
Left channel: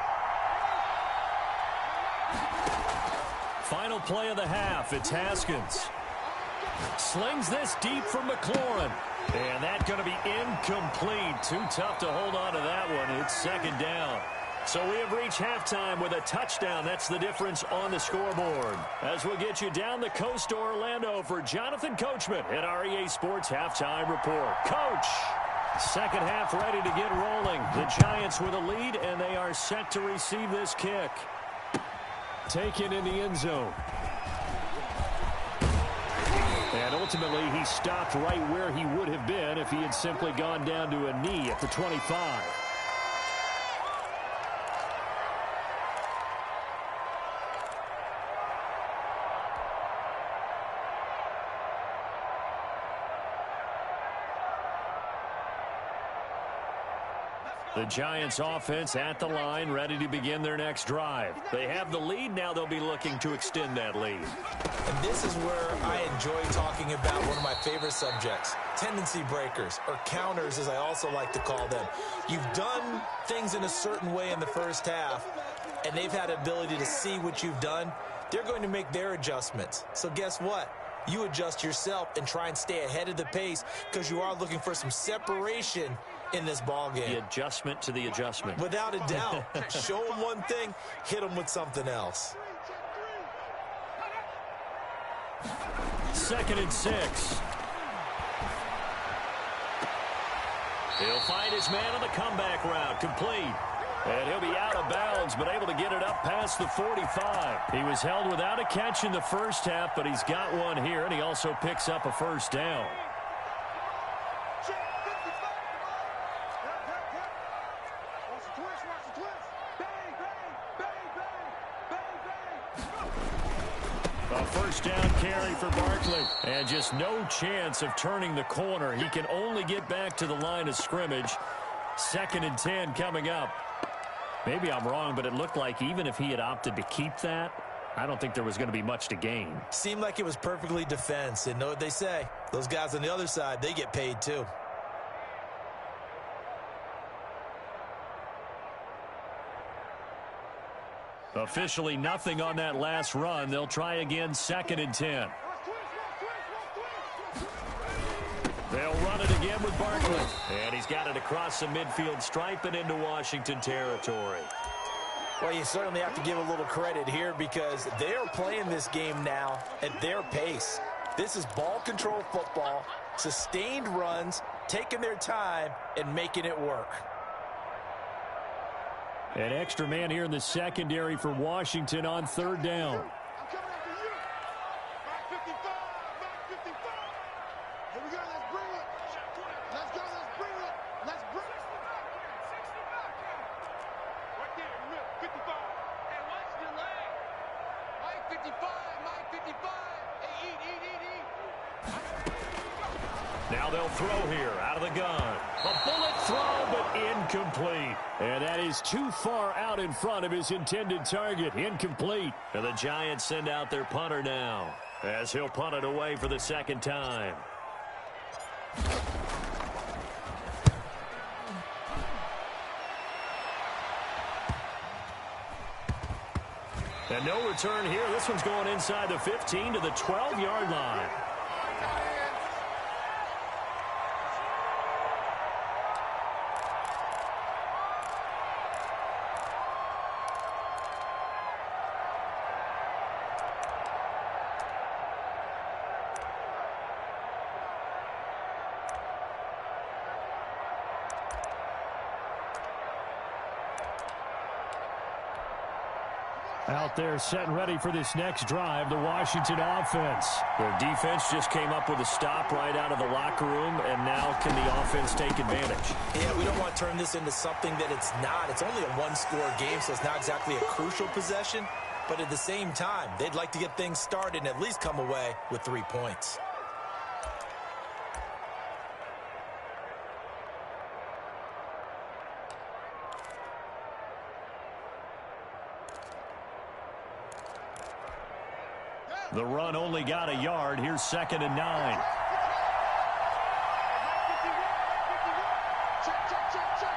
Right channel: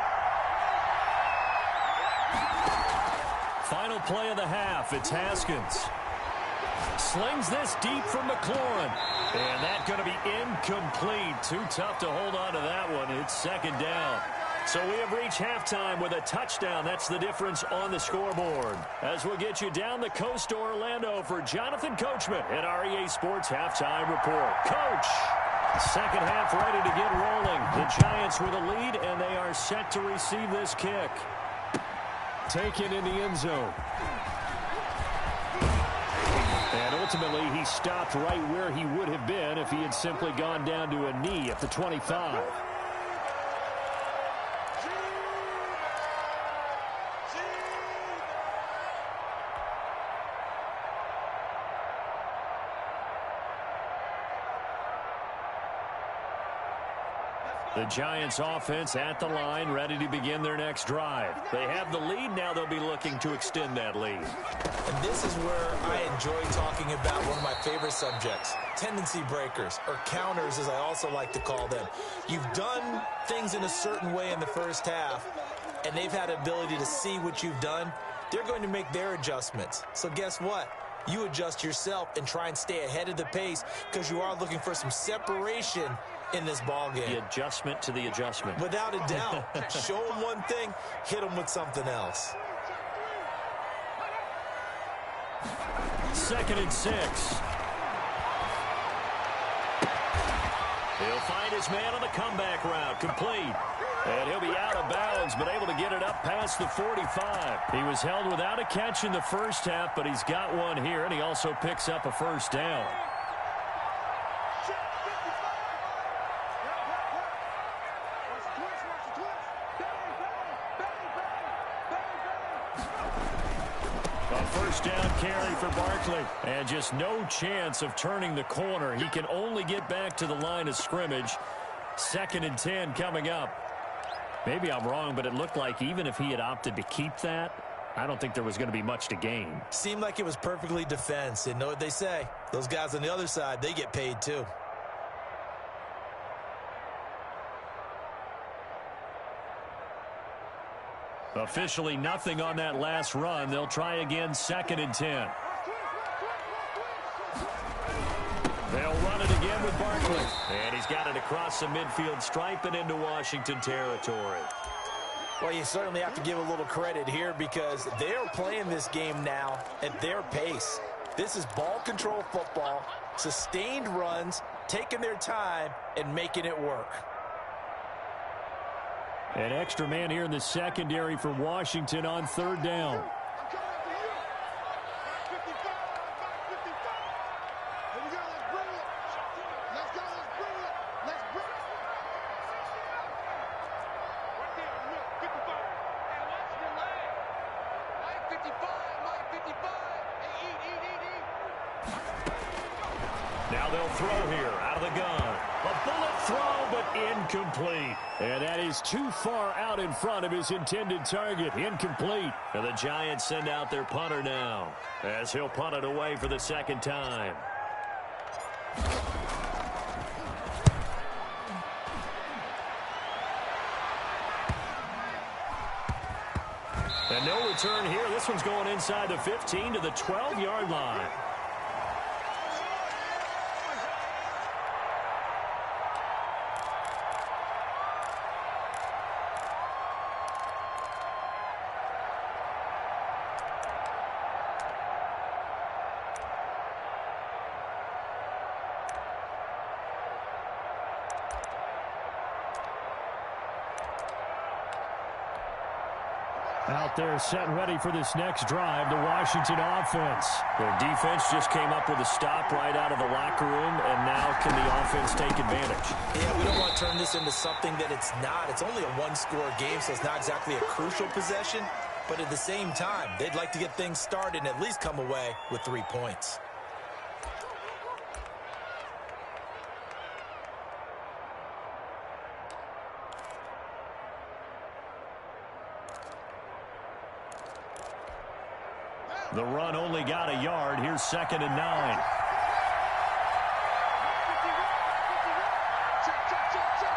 Final play of the half. It's Haskins. Slings this deep for McLaurin. And that's going to be incomplete. Too tough to hold on to that one. It's 2nd down. So we have reached halftime with a touchdown. That's the difference on the scoreboard. As we'll get you down the coast to Orlando for Jonathan Coachman at our EA Sports Halftime Report. Coach, second half ready to get rolling. The Giants with a lead, and they are set to receive this kick. Taken in the end zone. And ultimately, he stopped right where he would have been if he had simply gone down to a knee at the 25. The Giants offense at the line, ready to begin their next drive. They have the lead. Now they'll be looking to extend that lead. And this is where I enjoy talking about one of my favorite subjects, tendency breakers, or counters as I also like to call them. You've done things in a certain way in the first half, and they've had the ability to see what you've done. They're going to make their adjustments. So guess what? You adjust yourself and try and stay ahead of the pace because you are looking for some separation in this ball game. The adjustment to the adjustment. Without a doubt. Show them one thing, hit them with something else. 2nd and 6. He'll find his man on the comeback route. Complete. And he'll be out of bounds, but able to get it up past the 45. He was held without a catch in the first half, but he's got one here, and he also picks up a first down. A first down carry for Barkley. And just no chance of turning the corner. He can only get back to the line of scrimmage. 2nd and 10 coming up. Maybe I'm wrong, but it looked like even if he had opted to keep that, I don't think there was going to be much to gain. Seemed like it was perfectly defense. And know what they say? Those guys on the other side, they get paid too. Officially nothing on that last run. They'll try again, 2nd and 10. They'll run it again with Barkley. And he's got it across the midfield stripe and into Washington territory. Well, you certainly have to give a little credit here because they're playing this game now at their pace. This is ball control football, sustained runs, taking their time, and making it work. An extra man here in the secondary for Washington on 3rd down. Now they'll throw here out of the gun. A bullet throw, but incomplete. And that is too far out in front of his intended target. Incomplete. And the Giants send out their punter now as he'll punt it away for the 2nd time. And no return here. This one's going inside the 15 to the 12-yard line. Out there set and ready for this next drive, the Washington offense. Their defense just came up with a stop right out of the locker room, and now can the offense take advantage? Yeah, we don't want to turn this into something that it's not. It's only a one-score game, so it's not exactly a crucial possession. But at the same time, they'd like to get things started and at least come away with 3 points. The run only got a yard. Here's 2nd and 9. Check, check, check, check.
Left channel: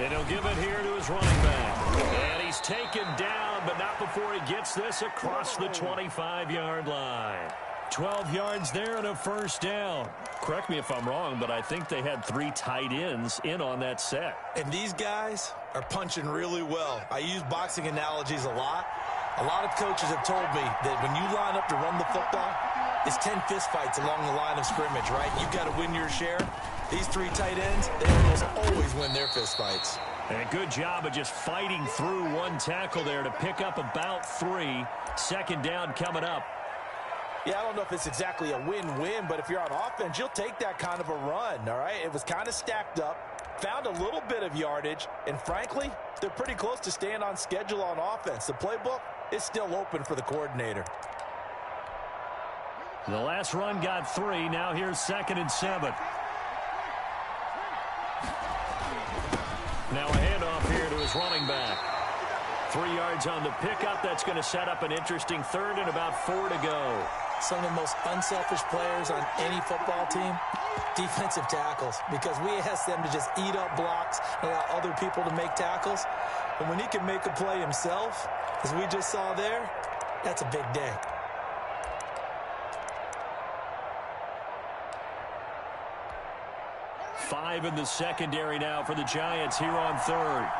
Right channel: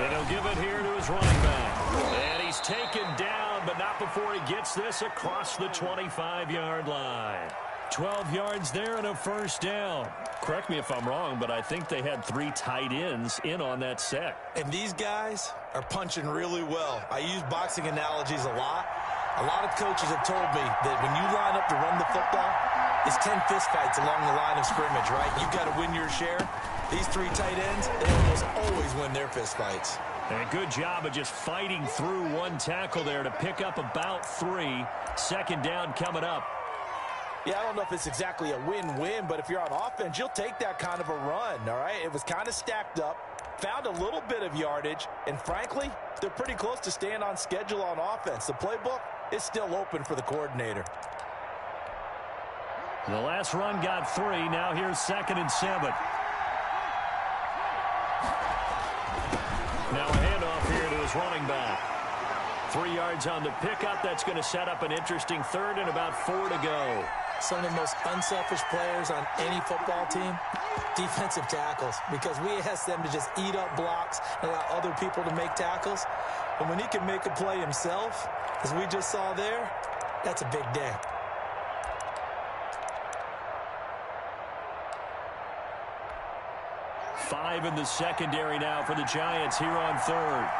And he'll give it here to his running back. And he's taken down, but not before he gets this across the 25-yard line. 12 yards there and a first down. Correct me if I'm wrong, but I think they had 3 tight ends in on that set. And these guys are punching really well. I use boxing analogies a lot. A lot of coaches have told me that when you line up to run the football, it's 10 fistfights along the line of scrimmage, right? You've got to win your share. These 3 tight ends, they almost always win their fistfights. And a good job of just fighting through one tackle there to pick up about 3. Second down coming up. Yeah, I don't know if it's exactly a win-win, but if you're on offense, you'll take that kind of a run, all right? It was kind of stacked up, found a little bit of yardage, and frankly, they're pretty close to staying on schedule on offense. The playbook is still open for the coordinator. The last run got 3. Now here's 2nd and 7. Now a handoff here to his running back. 3 yards on the pickup. That's going to set up an interesting 3rd and about 4 to go. Some of the most unselfish players on any football team, defensive tackles, because we ask them to just eat up blocks and allow other people to make tackles. And when he can make a play himself, as we just saw there, that's a big day. Five in the secondary now for the Giants here on 3rd.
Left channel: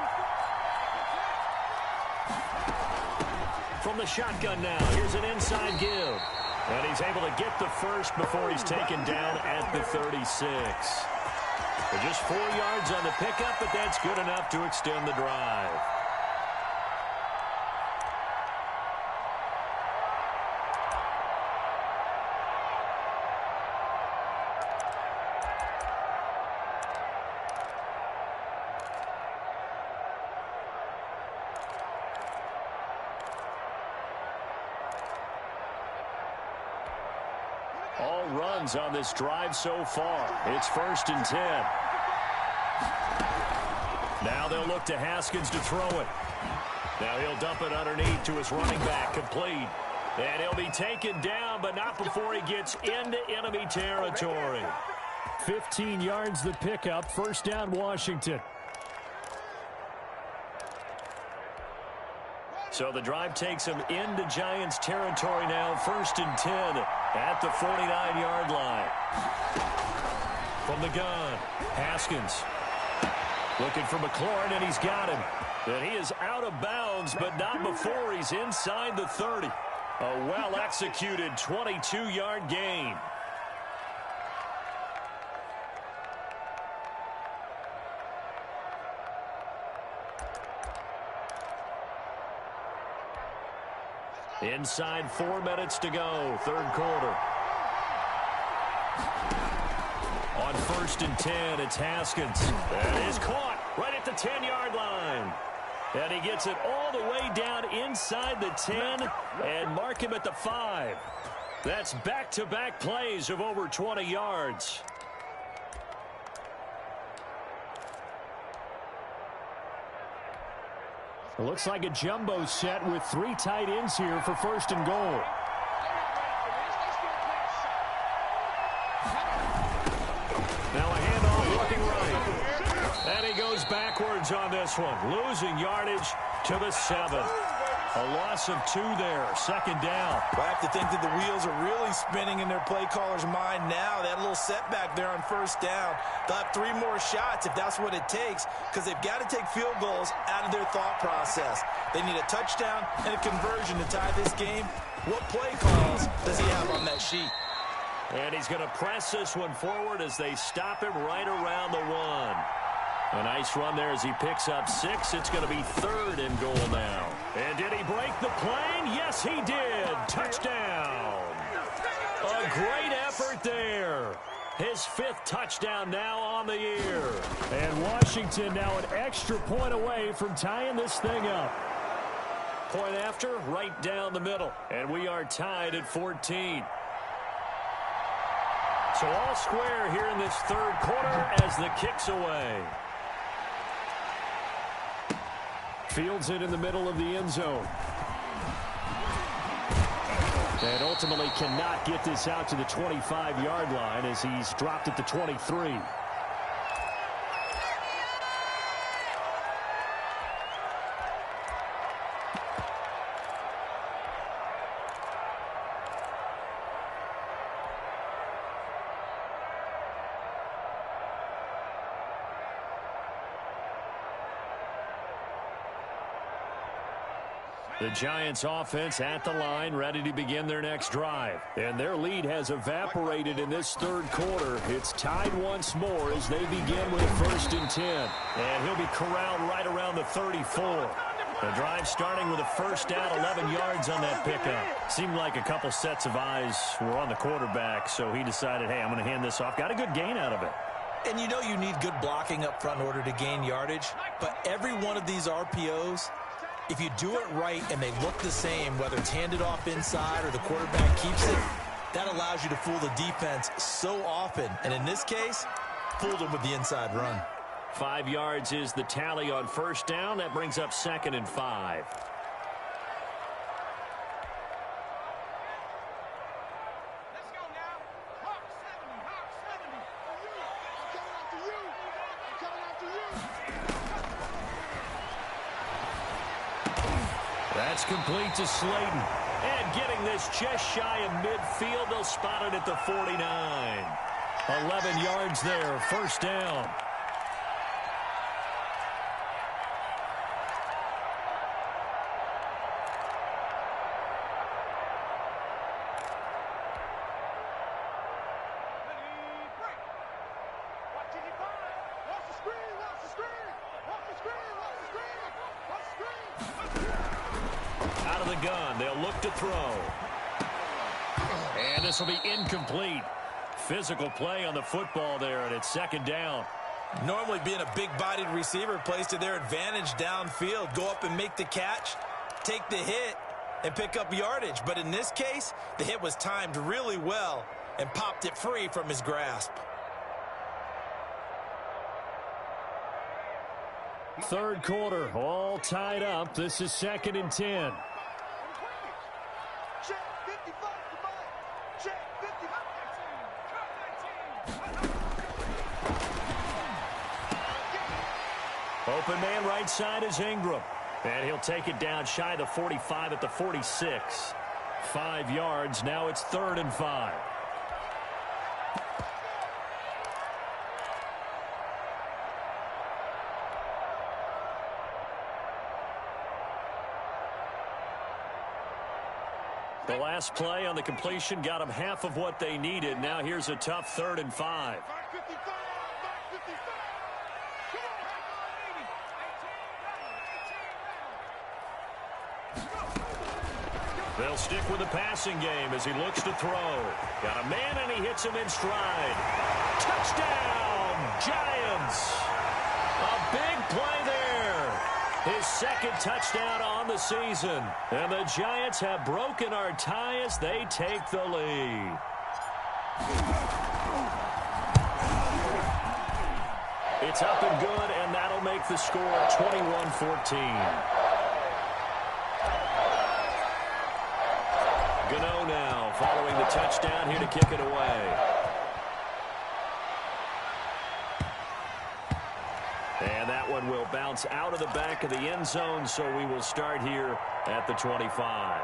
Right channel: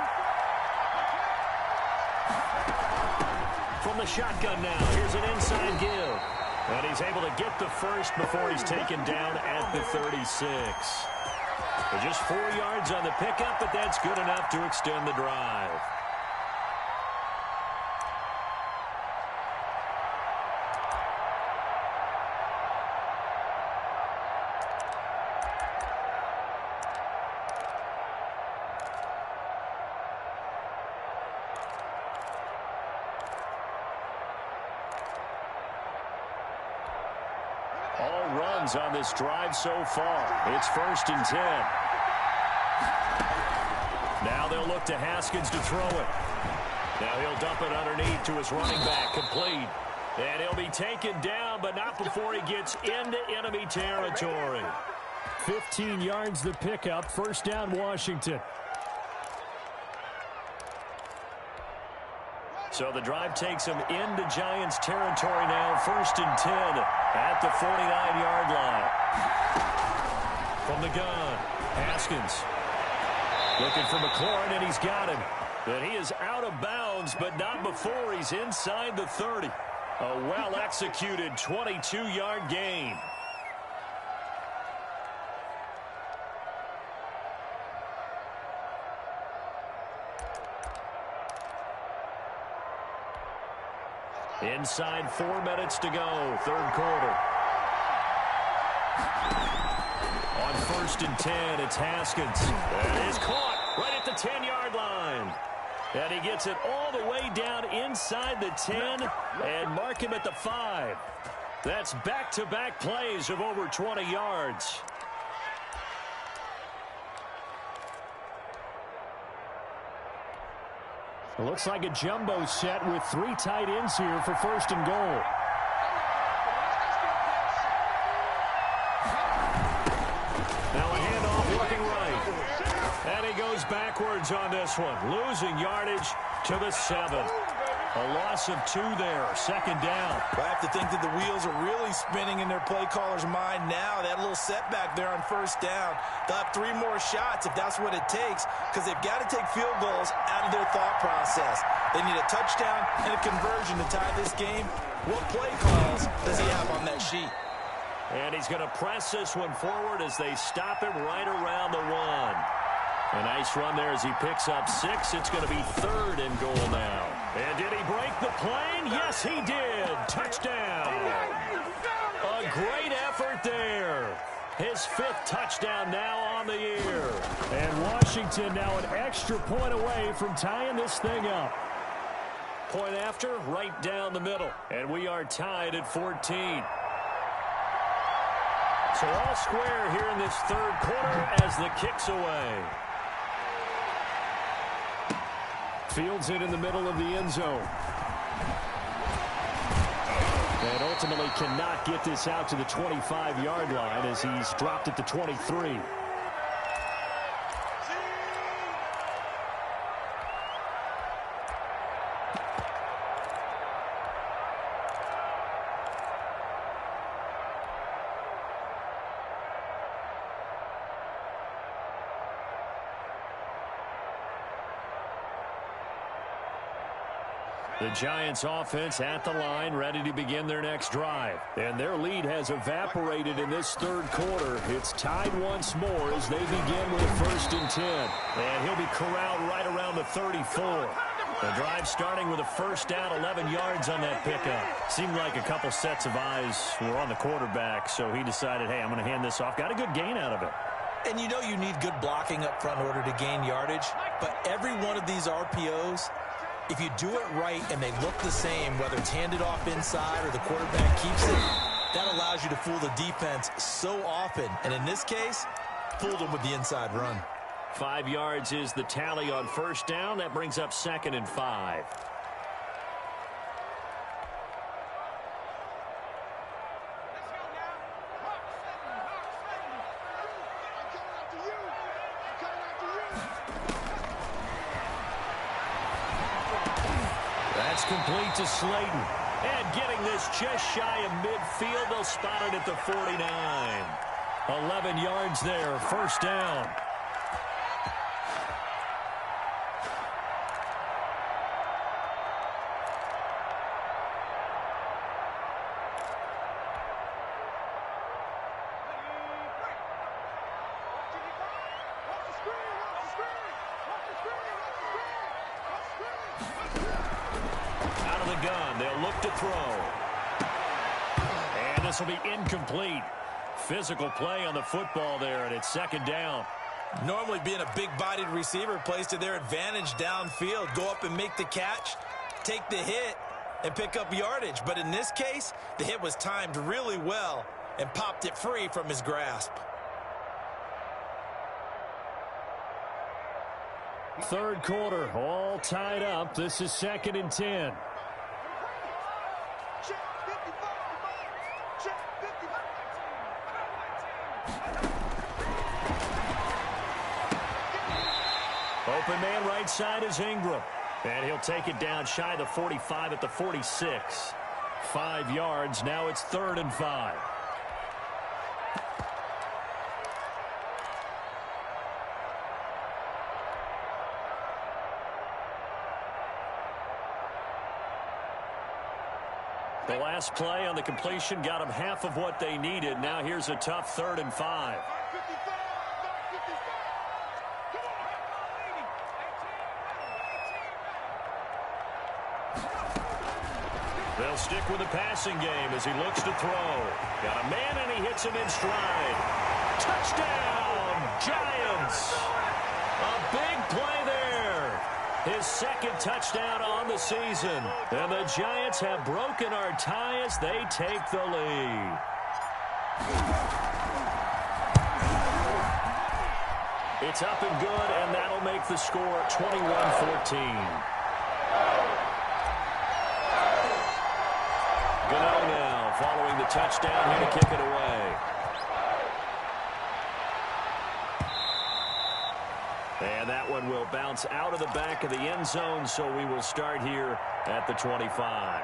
From the shotgun now, here's an inside give. And he's able to get the first before he's taken down at the 36. So just 4 yards on the pickup, but that's good enough to extend the drive. All runs on this drive so far. It's 1st and 10. Now they'll look to Haskins to throw it. Now he'll dump it underneath to his running back, complete. And he'll be taken down, but not before he gets into enemy territory. 15 yards the pickup. First down, Washington. So the drive takes him into Giants territory now. 1st and 10 at the 49-yard line. From the gun, Haskins looking for McLaurin, and he's got him. And he is out of bounds, but not before he's inside the 30. A well-executed 22-yard gain. Inside 4 minutes to go, 3rd quarter. On 1st and 10, it's Haskins. That is caught right at the 10-yard line. And he gets it all the way down inside the 10 and mark him at the 5. That's back-to-back plays of over 20 yards. It looks like a jumbo set with 3 tight ends here for 1st and goal. Now a handoff looking right. And he goes backwards on this one. Losing yardage to the 7. A loss of 2 there. 2nd down. I have to think that the wheels are really spinning in their play caller's mind now. They had a little setback there on 1st down. They'll have 3 more shots if that's what it takes, because they've got to take field goals out of their thought process. They need a touchdown and a conversion to tie this game. What play calls does he have on that sheet? And he's going to press this one forward as they stop him right around the 1. A nice run there as he picks up 6. It's going to be 3rd and goal now. And did he break the plane? Yes, he did. Touchdown. A great effort there. His 5th touchdown now on the year. And Washington now an extra point away from tying this thing up. Point after, right down the middle. And we are tied at 14. So all square here in this 3rd quarter as the kick's away. Fields it in the middle of the end zone. And ultimately cannot get this out to the 25-yard line as he's dropped at the 23. The Giants offense at the line, ready to begin their next drive. And their lead has evaporated in this third quarter. It's tied once more as they begin with a 1st and 10. And he'll be corralled right around the 34. The drive starting with a first down, 11 yards on that pickup. Seemed like a couple sets of eyes were on the quarterback, so he decided, hey, I'm going to hand this off. Got a good gain out of it. And you know you need good blocking up front in order to gain yardage. But every one of these RPOs, if you do it right and they look the same, whether it's handed off inside or the quarterback keeps it, that allows you to fool the defense so often. And in this case, fooled them with the inside run. 5 yards is the tally on first down. That brings up 2nd and 5. Let's go now. Hawk 70, Hawk 70. I'm coming after you. I'm coming after you. That's complete to Slayton. And getting this just shy of midfield, they'll spot it at the 49. 11 yards there, first down. Out of the gun, they'll look to throw. And this will be incomplete. Physical play on the football there, and it's 2nd down. Normally being a big-bodied receiver plays to their advantage downfield. Go up and make the catch, take the hit, and pick up yardage. But in this case, the hit was timed really well and popped it free from his grasp. Third quarter, all tied up. This is 2nd and 10. Check 55 to Mike. Check 55. Open man right side is Ingram. And he'll take it down shy of the 45 at the 46. 5 yards. Now it's 3rd and 5. The last play on the completion got them half of what they needed. Now here's a tough 3rd and 5. Mike 55. Mike 55. Come on. Back on 80. 18 ready. 18 ready. They'll stick with the passing game as he looks to throw. Got a man, and he hits him in stride. Touchdown, Giants. A big play there. His 2nd touchdown on the season. And the Giants have broken our tie as they take the lead. It's up and good, and that'll make the score 21-14. Gano now following the touchdown here to kick it away. And that one will bounce out of the back of the end zone, so we will start here at the 25.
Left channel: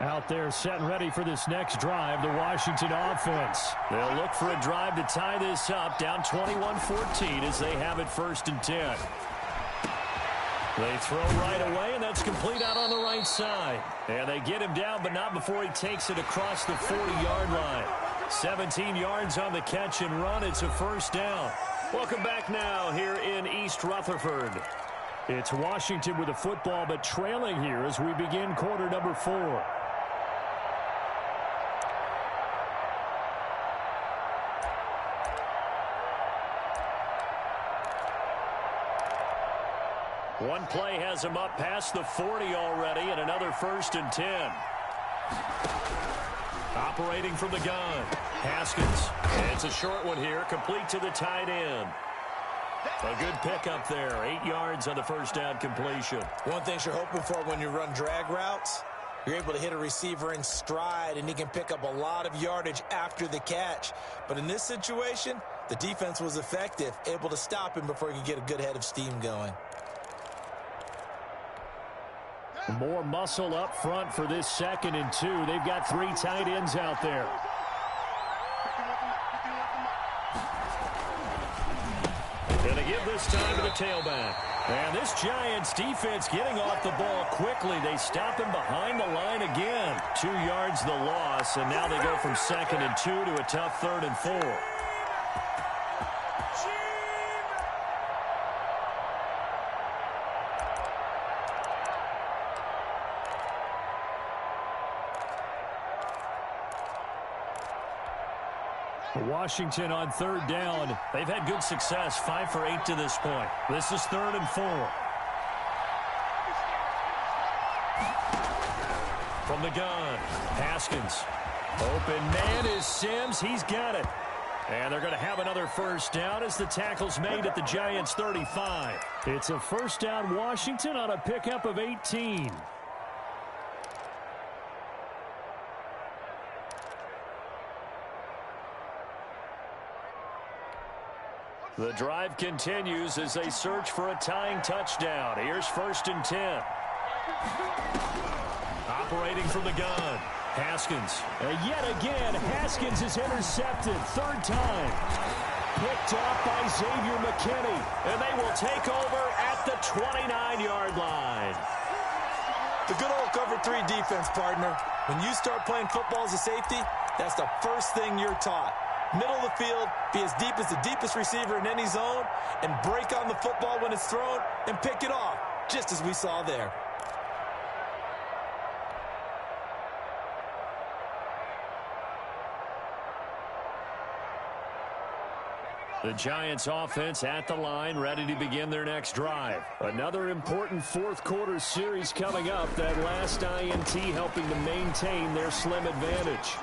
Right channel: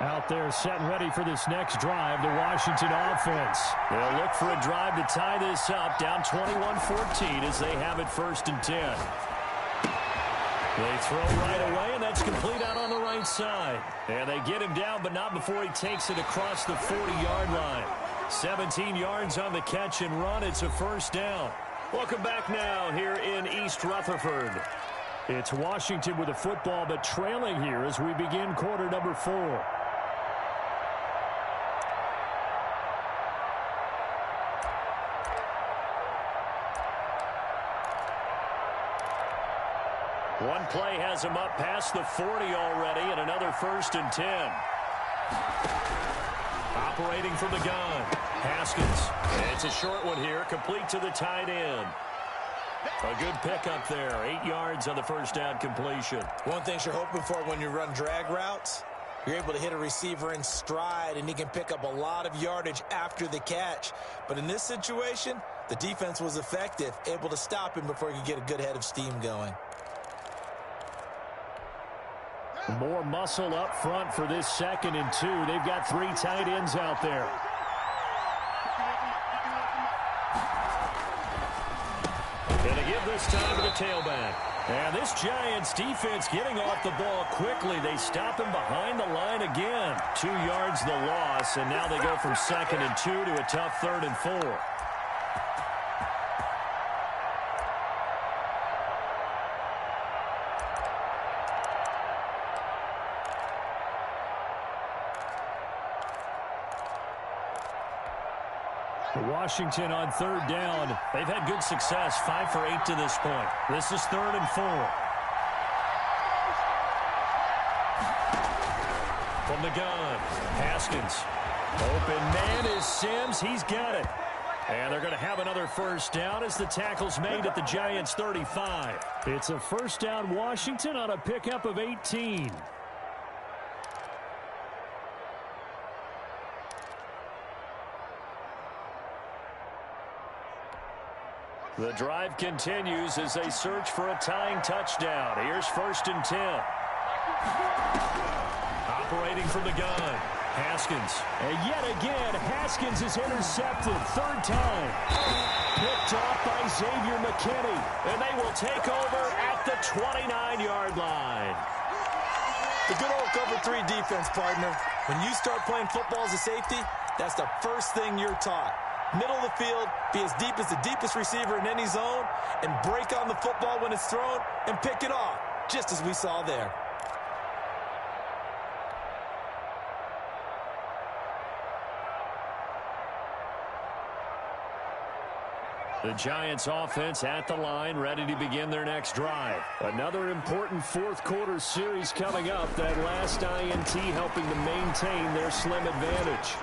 Out there set and ready for this next drive, the Washington offense. They'll look for a drive to tie this up, down 21-14 as they have it 1st and 10. They throw right away, and that's complete out on the right side. And they get him down, but not before he takes it across the 40-yard line. 17 yards on the catch and run. It's a first down. Welcome back now here in East Rutherford. It's Washington with the football, but trailing here as we begin quarter number 4. One play has him up past the 40 already, and another 1st and 10. Operating from the gun, Haskins. It's a short one here, complete to the tight end. A good pickup there, 8 yards on the first down completion. One thing you're hoping for when you run drag routes, you're able to hit a receiver in stride, and he can pick up a lot of yardage after the catch. But in this situation, the defense was effective, able to stop him before he could get a good head of steam going. More muscle up front for this 2nd and 2. They've got 3 tight ends out there. And to give this time to the tailback. And this Giants defense getting off the ball quickly. They stop him behind the line again. 2 yards the loss, and now they go from 2nd and 2 to a tough 3rd and 4. Washington on 3rd down. They've had good success, 5 for 8 to this point. This is 3rd and 4. From the gun, Haskins. Open man is Sims. He's got it. And they're going to have another first down as the tackle's made at the Giants' 35. It's a first down Washington on a pickup of 18. The drive continues as they search for a tying touchdown. Here's 1st and 10. Operating from the gun, Haskins. And yet again, Haskins is intercepted. 3rd time. Picked off by Xavier McKinney. And they will take over at the 29-yard line. The good old cover 3 defense, partner. When you start playing football as a safety, that's the first thing you're taught. Middle of the field, be as deep as the deepest receiver in any zone, and break on the football when it's thrown and pick it off, just as we saw there. The Giants offense at the line, ready to begin their next drive. Another important 4th quarter series coming up. That last INT helping to maintain their slim advantage.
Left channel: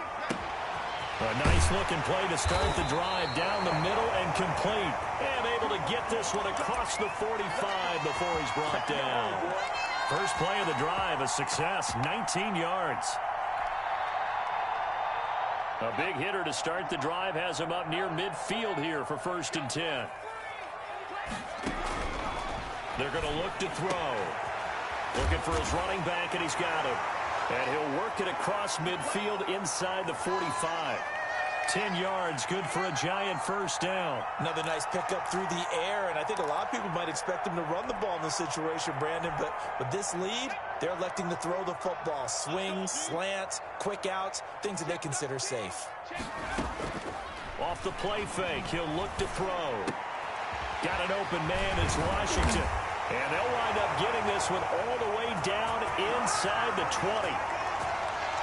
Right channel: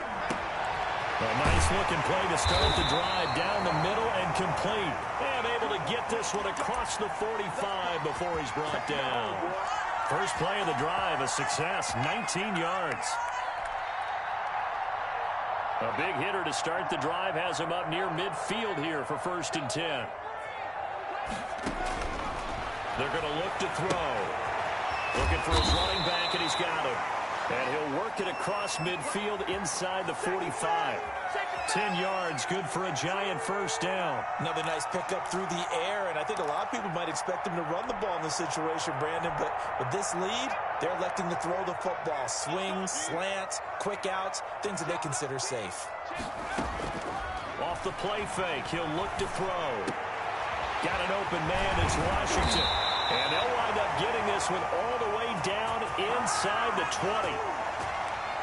A nice-looking play to start the drive down the middle and complete. And able to get this one across the 45 before he's brought down. First play of the drive, a success, 19 yards. A big hitter to start the drive has him up near midfield here for 1st and 10. They're going to look to throw. Looking for his running back, and he's got him. And he'll work it across midfield inside the 45. 10 yards, good for a Giant first down. Another nice pickup through the air, and I think a lot of people might expect him to run the ball in this situation, Brandon, but with this lead, they're electing to throw the football. Swings, slants, quick outs, things that they consider safe. Off the play fake, he'll look to throw. Got an open man, it's Washington. And they'll wind up getting this one all the way down inside the 20.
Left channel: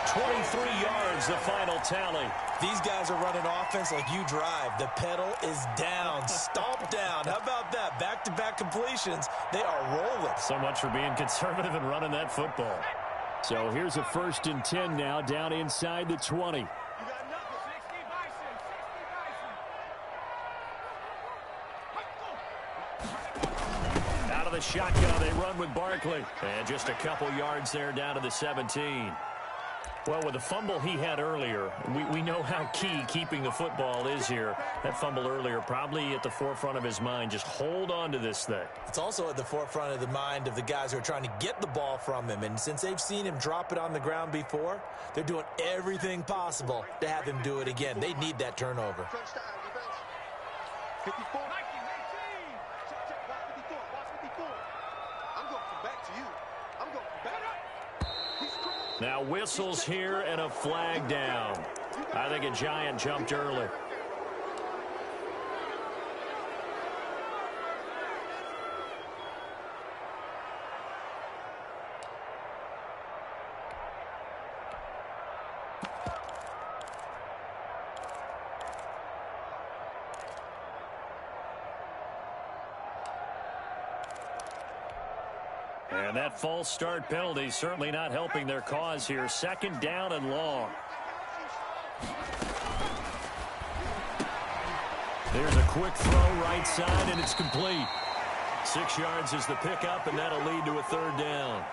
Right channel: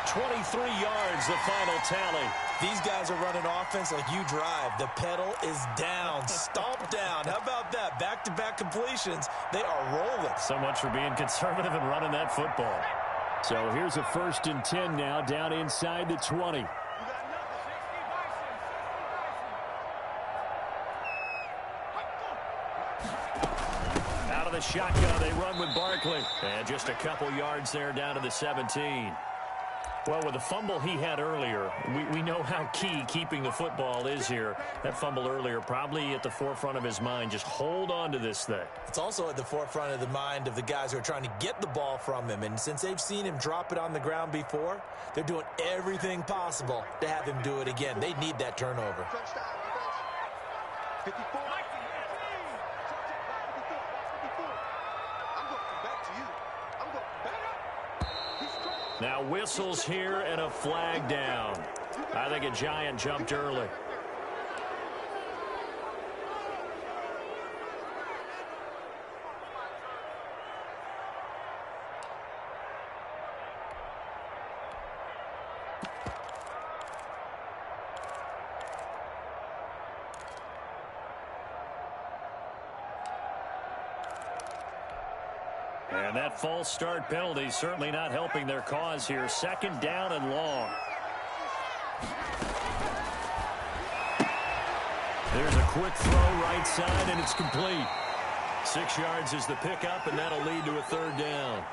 23 yards, the final tally. These guys are running offense like you drive. The pedal is down, stomped down. How about that? Back-to-back completions. They are rolling. So much for being conservative and running that football. So here's a 1st and 10 now, down inside the 20. Out of the shotgun, they run with Barkley. And just a couple yards there down to the 17. Well, with the fumble he had earlier, we know how key keeping the football is here. That fumble earlier probably at the forefront of his mind. Just hold on to this thing. It's also at the forefront of the mind of the guys who are trying to get the ball from him. And since they've seen him drop it on the ground before, they're doing everything possible to have him do it again. They need that turnover. 54. I'm going to come back to you. I'm going to come back. Now whistles here and a flag down. I think a Giant jumped early. And that false start penalty certainly not helping their cause here. 2nd down and long. There's a quick throw right side, and it's complete. 6 yards is the pickup, and that'll lead to a third down.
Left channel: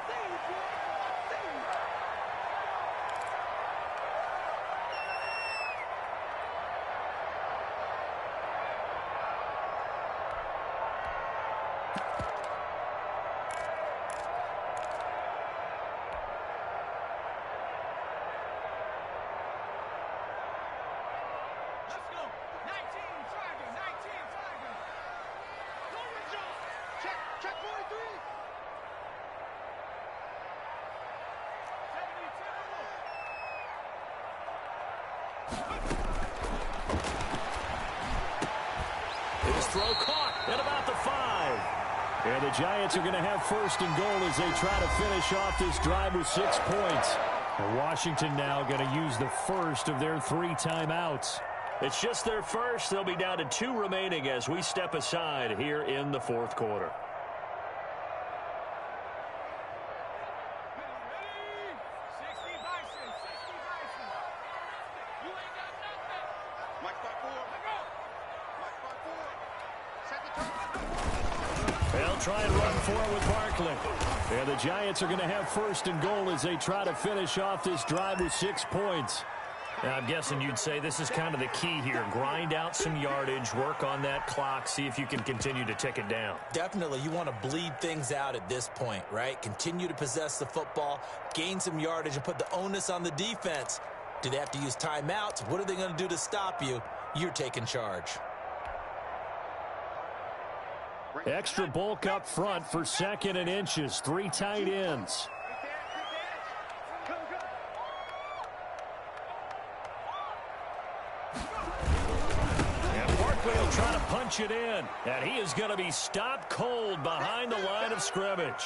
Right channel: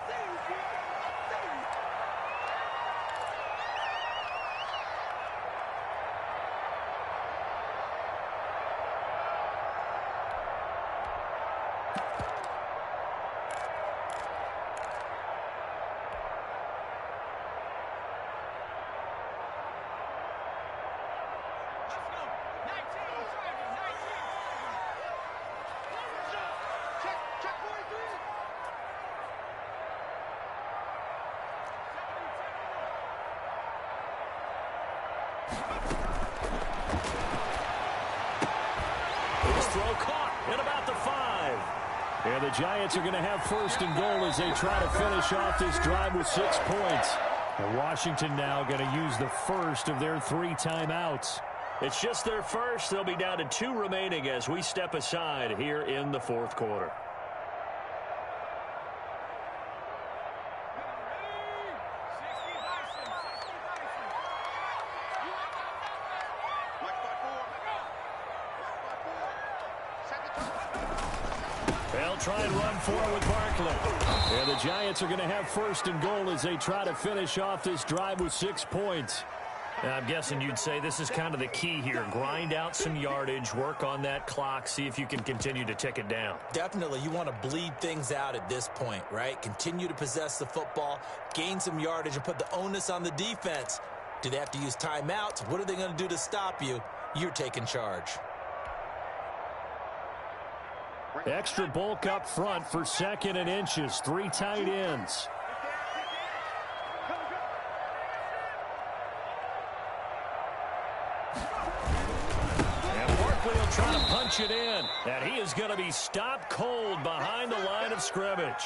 Throw caught at about the 5. And the Giants are going to have first and goal as they try to finish off this drive with 6 points. And Washington now going to use the first of their 3 timeouts. It's just their first. They'll be down to 2 remaining as we step aside here in the fourth quarter. They'll try and run for it with Barkley. And the Giants are going to have first and goal as they try to finish off this drive with 6 points. And I'm guessing you'd say this is kind of the key here. Grind out some yardage, work on that clock, see if you can continue to tick it down. Definitely, you want to bleed things out at this point, right? Continue to possess the football, gain some yardage, and put the onus on the defense. Do they have to use timeouts? What are they going to do to stop you? You're taking charge. Extra bulk up front for 2nd and inches. 3 tight ends. And Barkley will try to punch it in. And he is going to be stopped cold behind the line of scrimmage.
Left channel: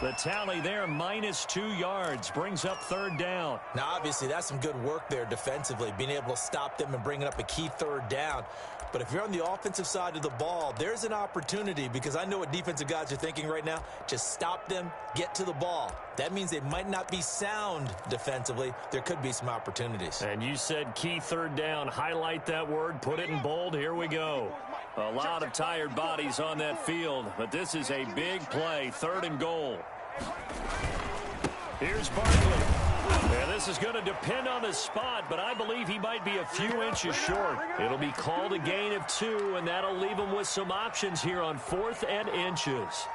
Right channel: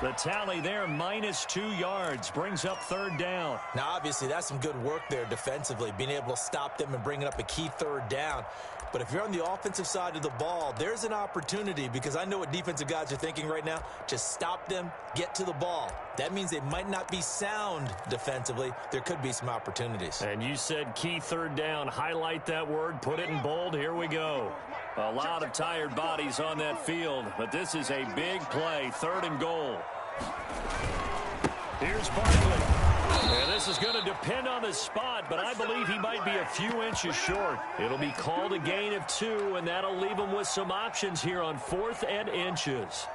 The tally there, -2 yards, brings up 3rd down. Now, obviously, that's some good work there defensively, being able to stop them and bringing up a key 3rd down. But if you're on the offensive side of the ball, there's an opportunity, because I know what defensive guys are thinking right now. Just stop them, get to the ball. That means they might not be sound defensively. There could be some opportunities. And you said key 3rd down. Highlight that word, put it in bold. Here we go. A lot of tired bodies on that field, but this is a big play, 3rd and goal. Here's Barkley. And this is going to depend on the spot, but I believe he might be a few inches short. It'll be called a gain of 2, and that'll leave him with some options here on 4th and inches.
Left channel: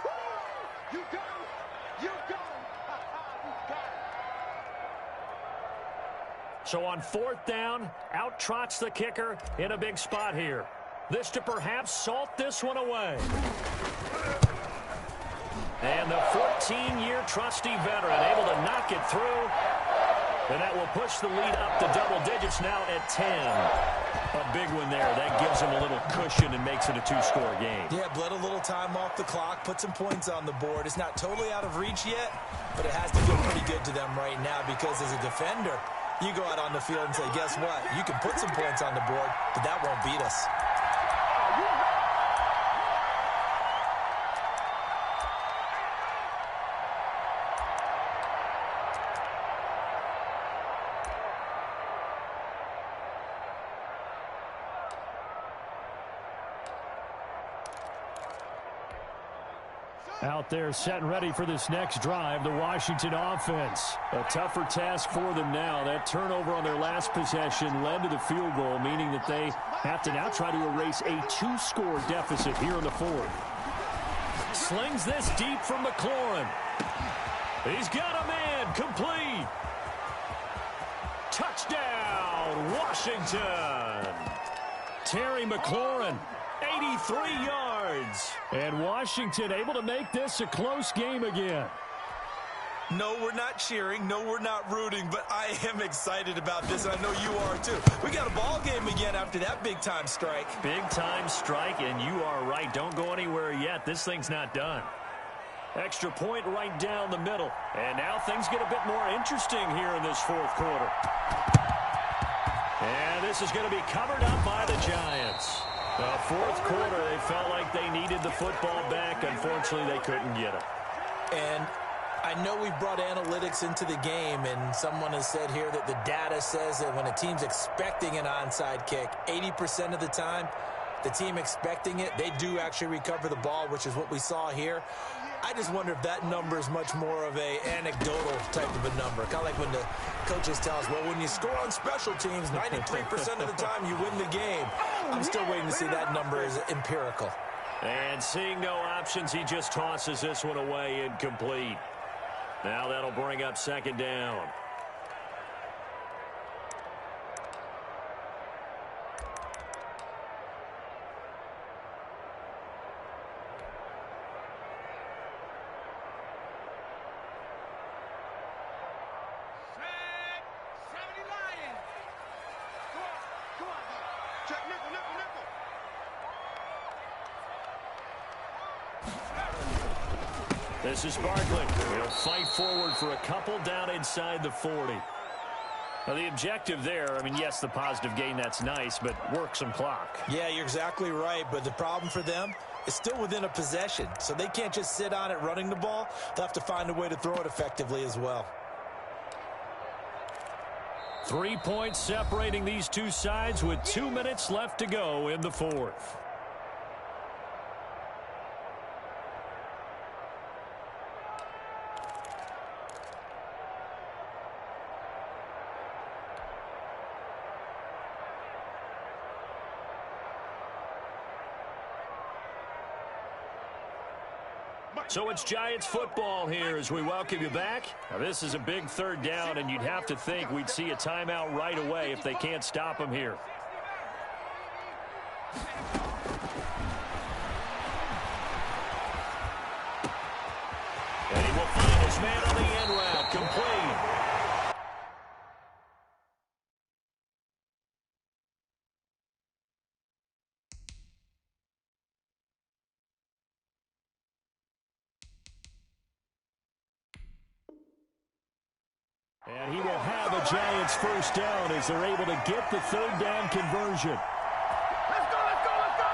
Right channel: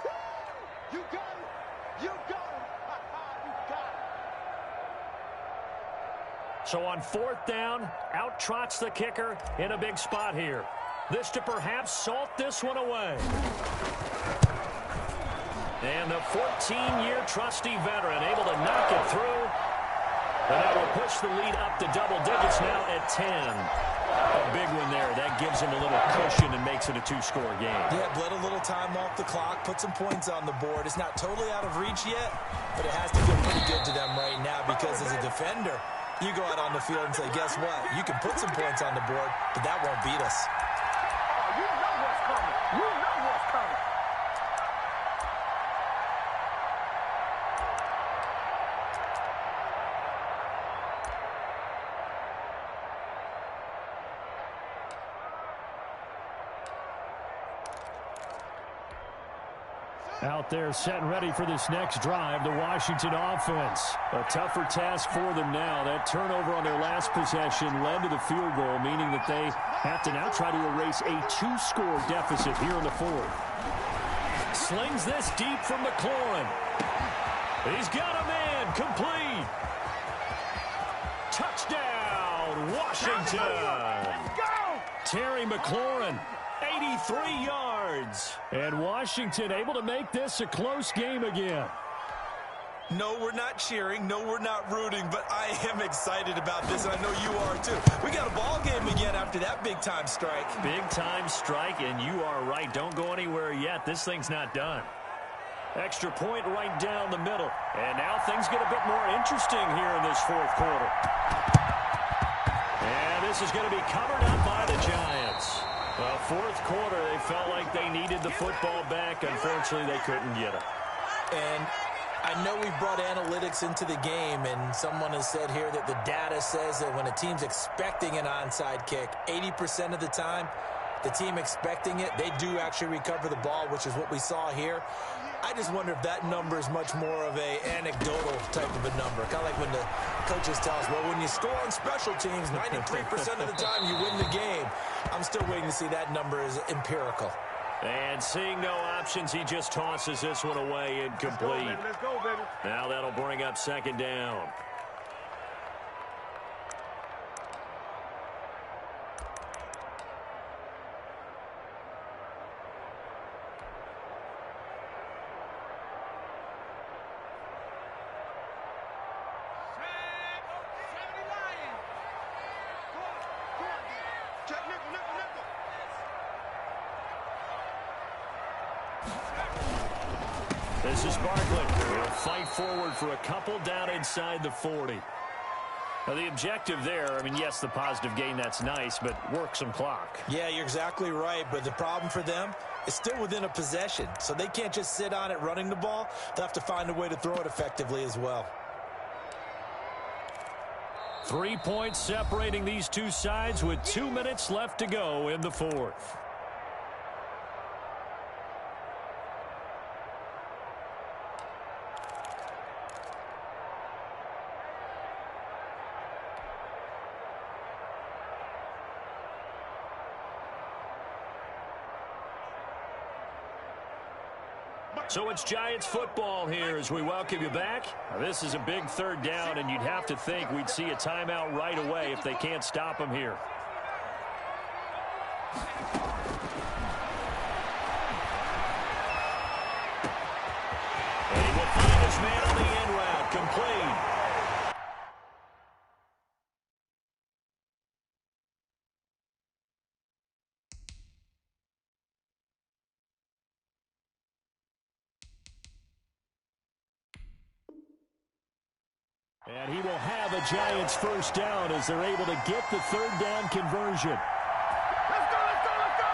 You got him. You got him. You got him. So on 4th down, out trots the kicker in a big spot here. This to perhaps salt this one away. And the 14-year trusty veteran able to knock it through. And that will push the lead up to double digits now at 10. A big one there. That gives them a little cushion and makes it a 2-score game. Yeah, bled a little time off the clock, put some points on the board. It's not totally out of reach yet, but it has to feel pretty good to them right now, because as a defender, you go out on the field and say, guess what? You can put some points on the board, but that won't beat us. You know what's coming. You know what's coming. Out there set and ready for this next drive, the Washington offense. A tougher task for them now. That turnover on their last possession led to the field goal, meaning that they have to now try to erase a 2-score deficit here in the 4th. Slings this deep from McLaurin. He's got a man, complete. Touchdown, Washington. Terry McLaurin. 83 yards. And Washington able to make this a close game again. No, we're not cheering. No, we're not rooting, but I am excited about this, and I know you are too. We got a ball game again after that big-time strike. Big-time strike, and you are right. Don't go anywhere yet. This thing's not done. Extra point right down the middle. And now things get a bit more interesting here in this 4th quarter. And this is going to be covered up by the Giants. Well, 4th quarter, they felt like they needed the football back. Unfortunately, they couldn't get it. And I know we've brought analytics into the game, and someone has said here that the data says that when a team's expecting an onside kick, 80% of the time, the team expecting it, they do actually recover the ball, which is what we saw here. I just wonder if that number is much more of a anecdotal type of a number. Kind of like when the coaches tell us, well, when you score on special teams, 93% of the time you win the game. I'm still waiting to see that number is empirical. And seeing no options, he just tosses this one away incomplete. Now that'll bring up second down. This is Barkley. He'll fight forward for a couple down inside the 40. Now, the objective there, I mean, yes, the positive gain, that's nice, but work some clock. Yeah, you're exactly right, but the problem for them is still within a possession, so they can't just sit on it running the ball. They'll have to find a way to throw it effectively as well. 3 points separating these two sides with 2 minutes left to go in the fourth. So it's Giants football here as we welcome you back. Now, this is a big third down, and you'd have to think we'd see a timeout right away if they can't stop him here. And he will find his man on the end route, complete. And he will have a Giants first down as they're able to get the third down conversion. Let's go, let's go, let's go!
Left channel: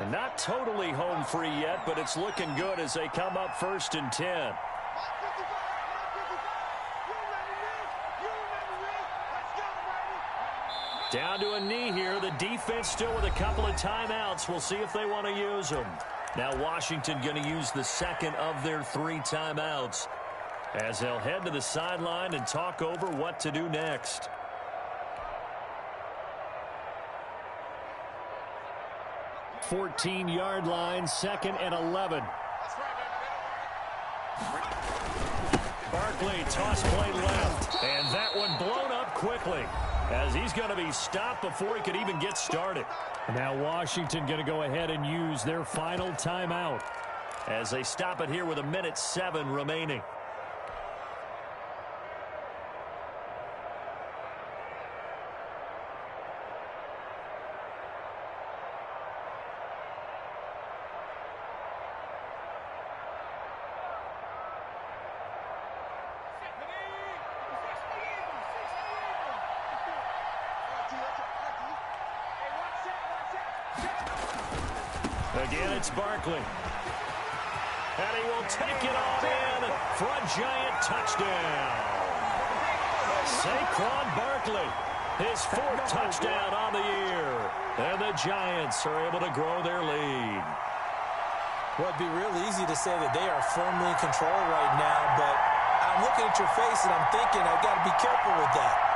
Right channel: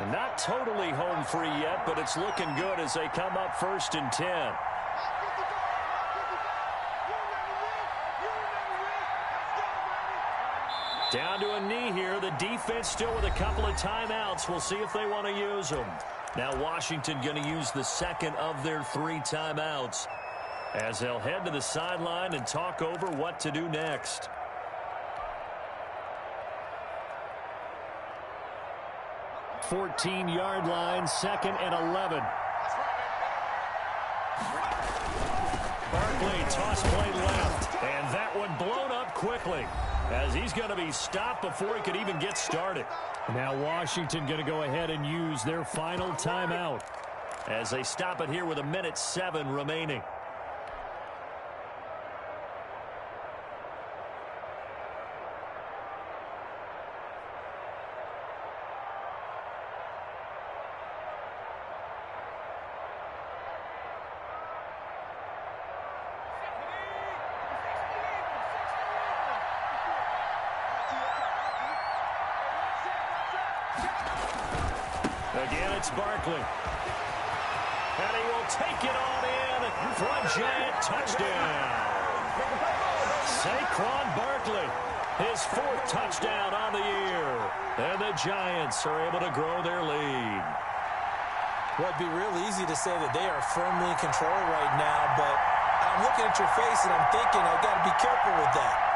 And not totally home free yet, but it's looking good as they come up 1st and 10. Down to a knee here. The defense still with a couple of timeouts. We'll see if they want to use them. Now Washington going to use the second of their 3 timeouts as they'll head to the sideline and talk over what to do next. 14-yard line, 2nd and 11. Barkley, toss play left, and that one blown up quickly as he's going to be stopped before he could even get started. Now Washington going to go ahead and use their final timeout as they stop it here with 1:07 remaining. Again, it's Barkley. And he will take it on in for a Giant touchdown. Saquon Barkley, his 4th touchdown on the year. And the Giants are able to grow their lead. Well, it'd be real easy to say that they are firmly in control right now, but I'm looking at your face and I'm thinking I've got to be careful with that.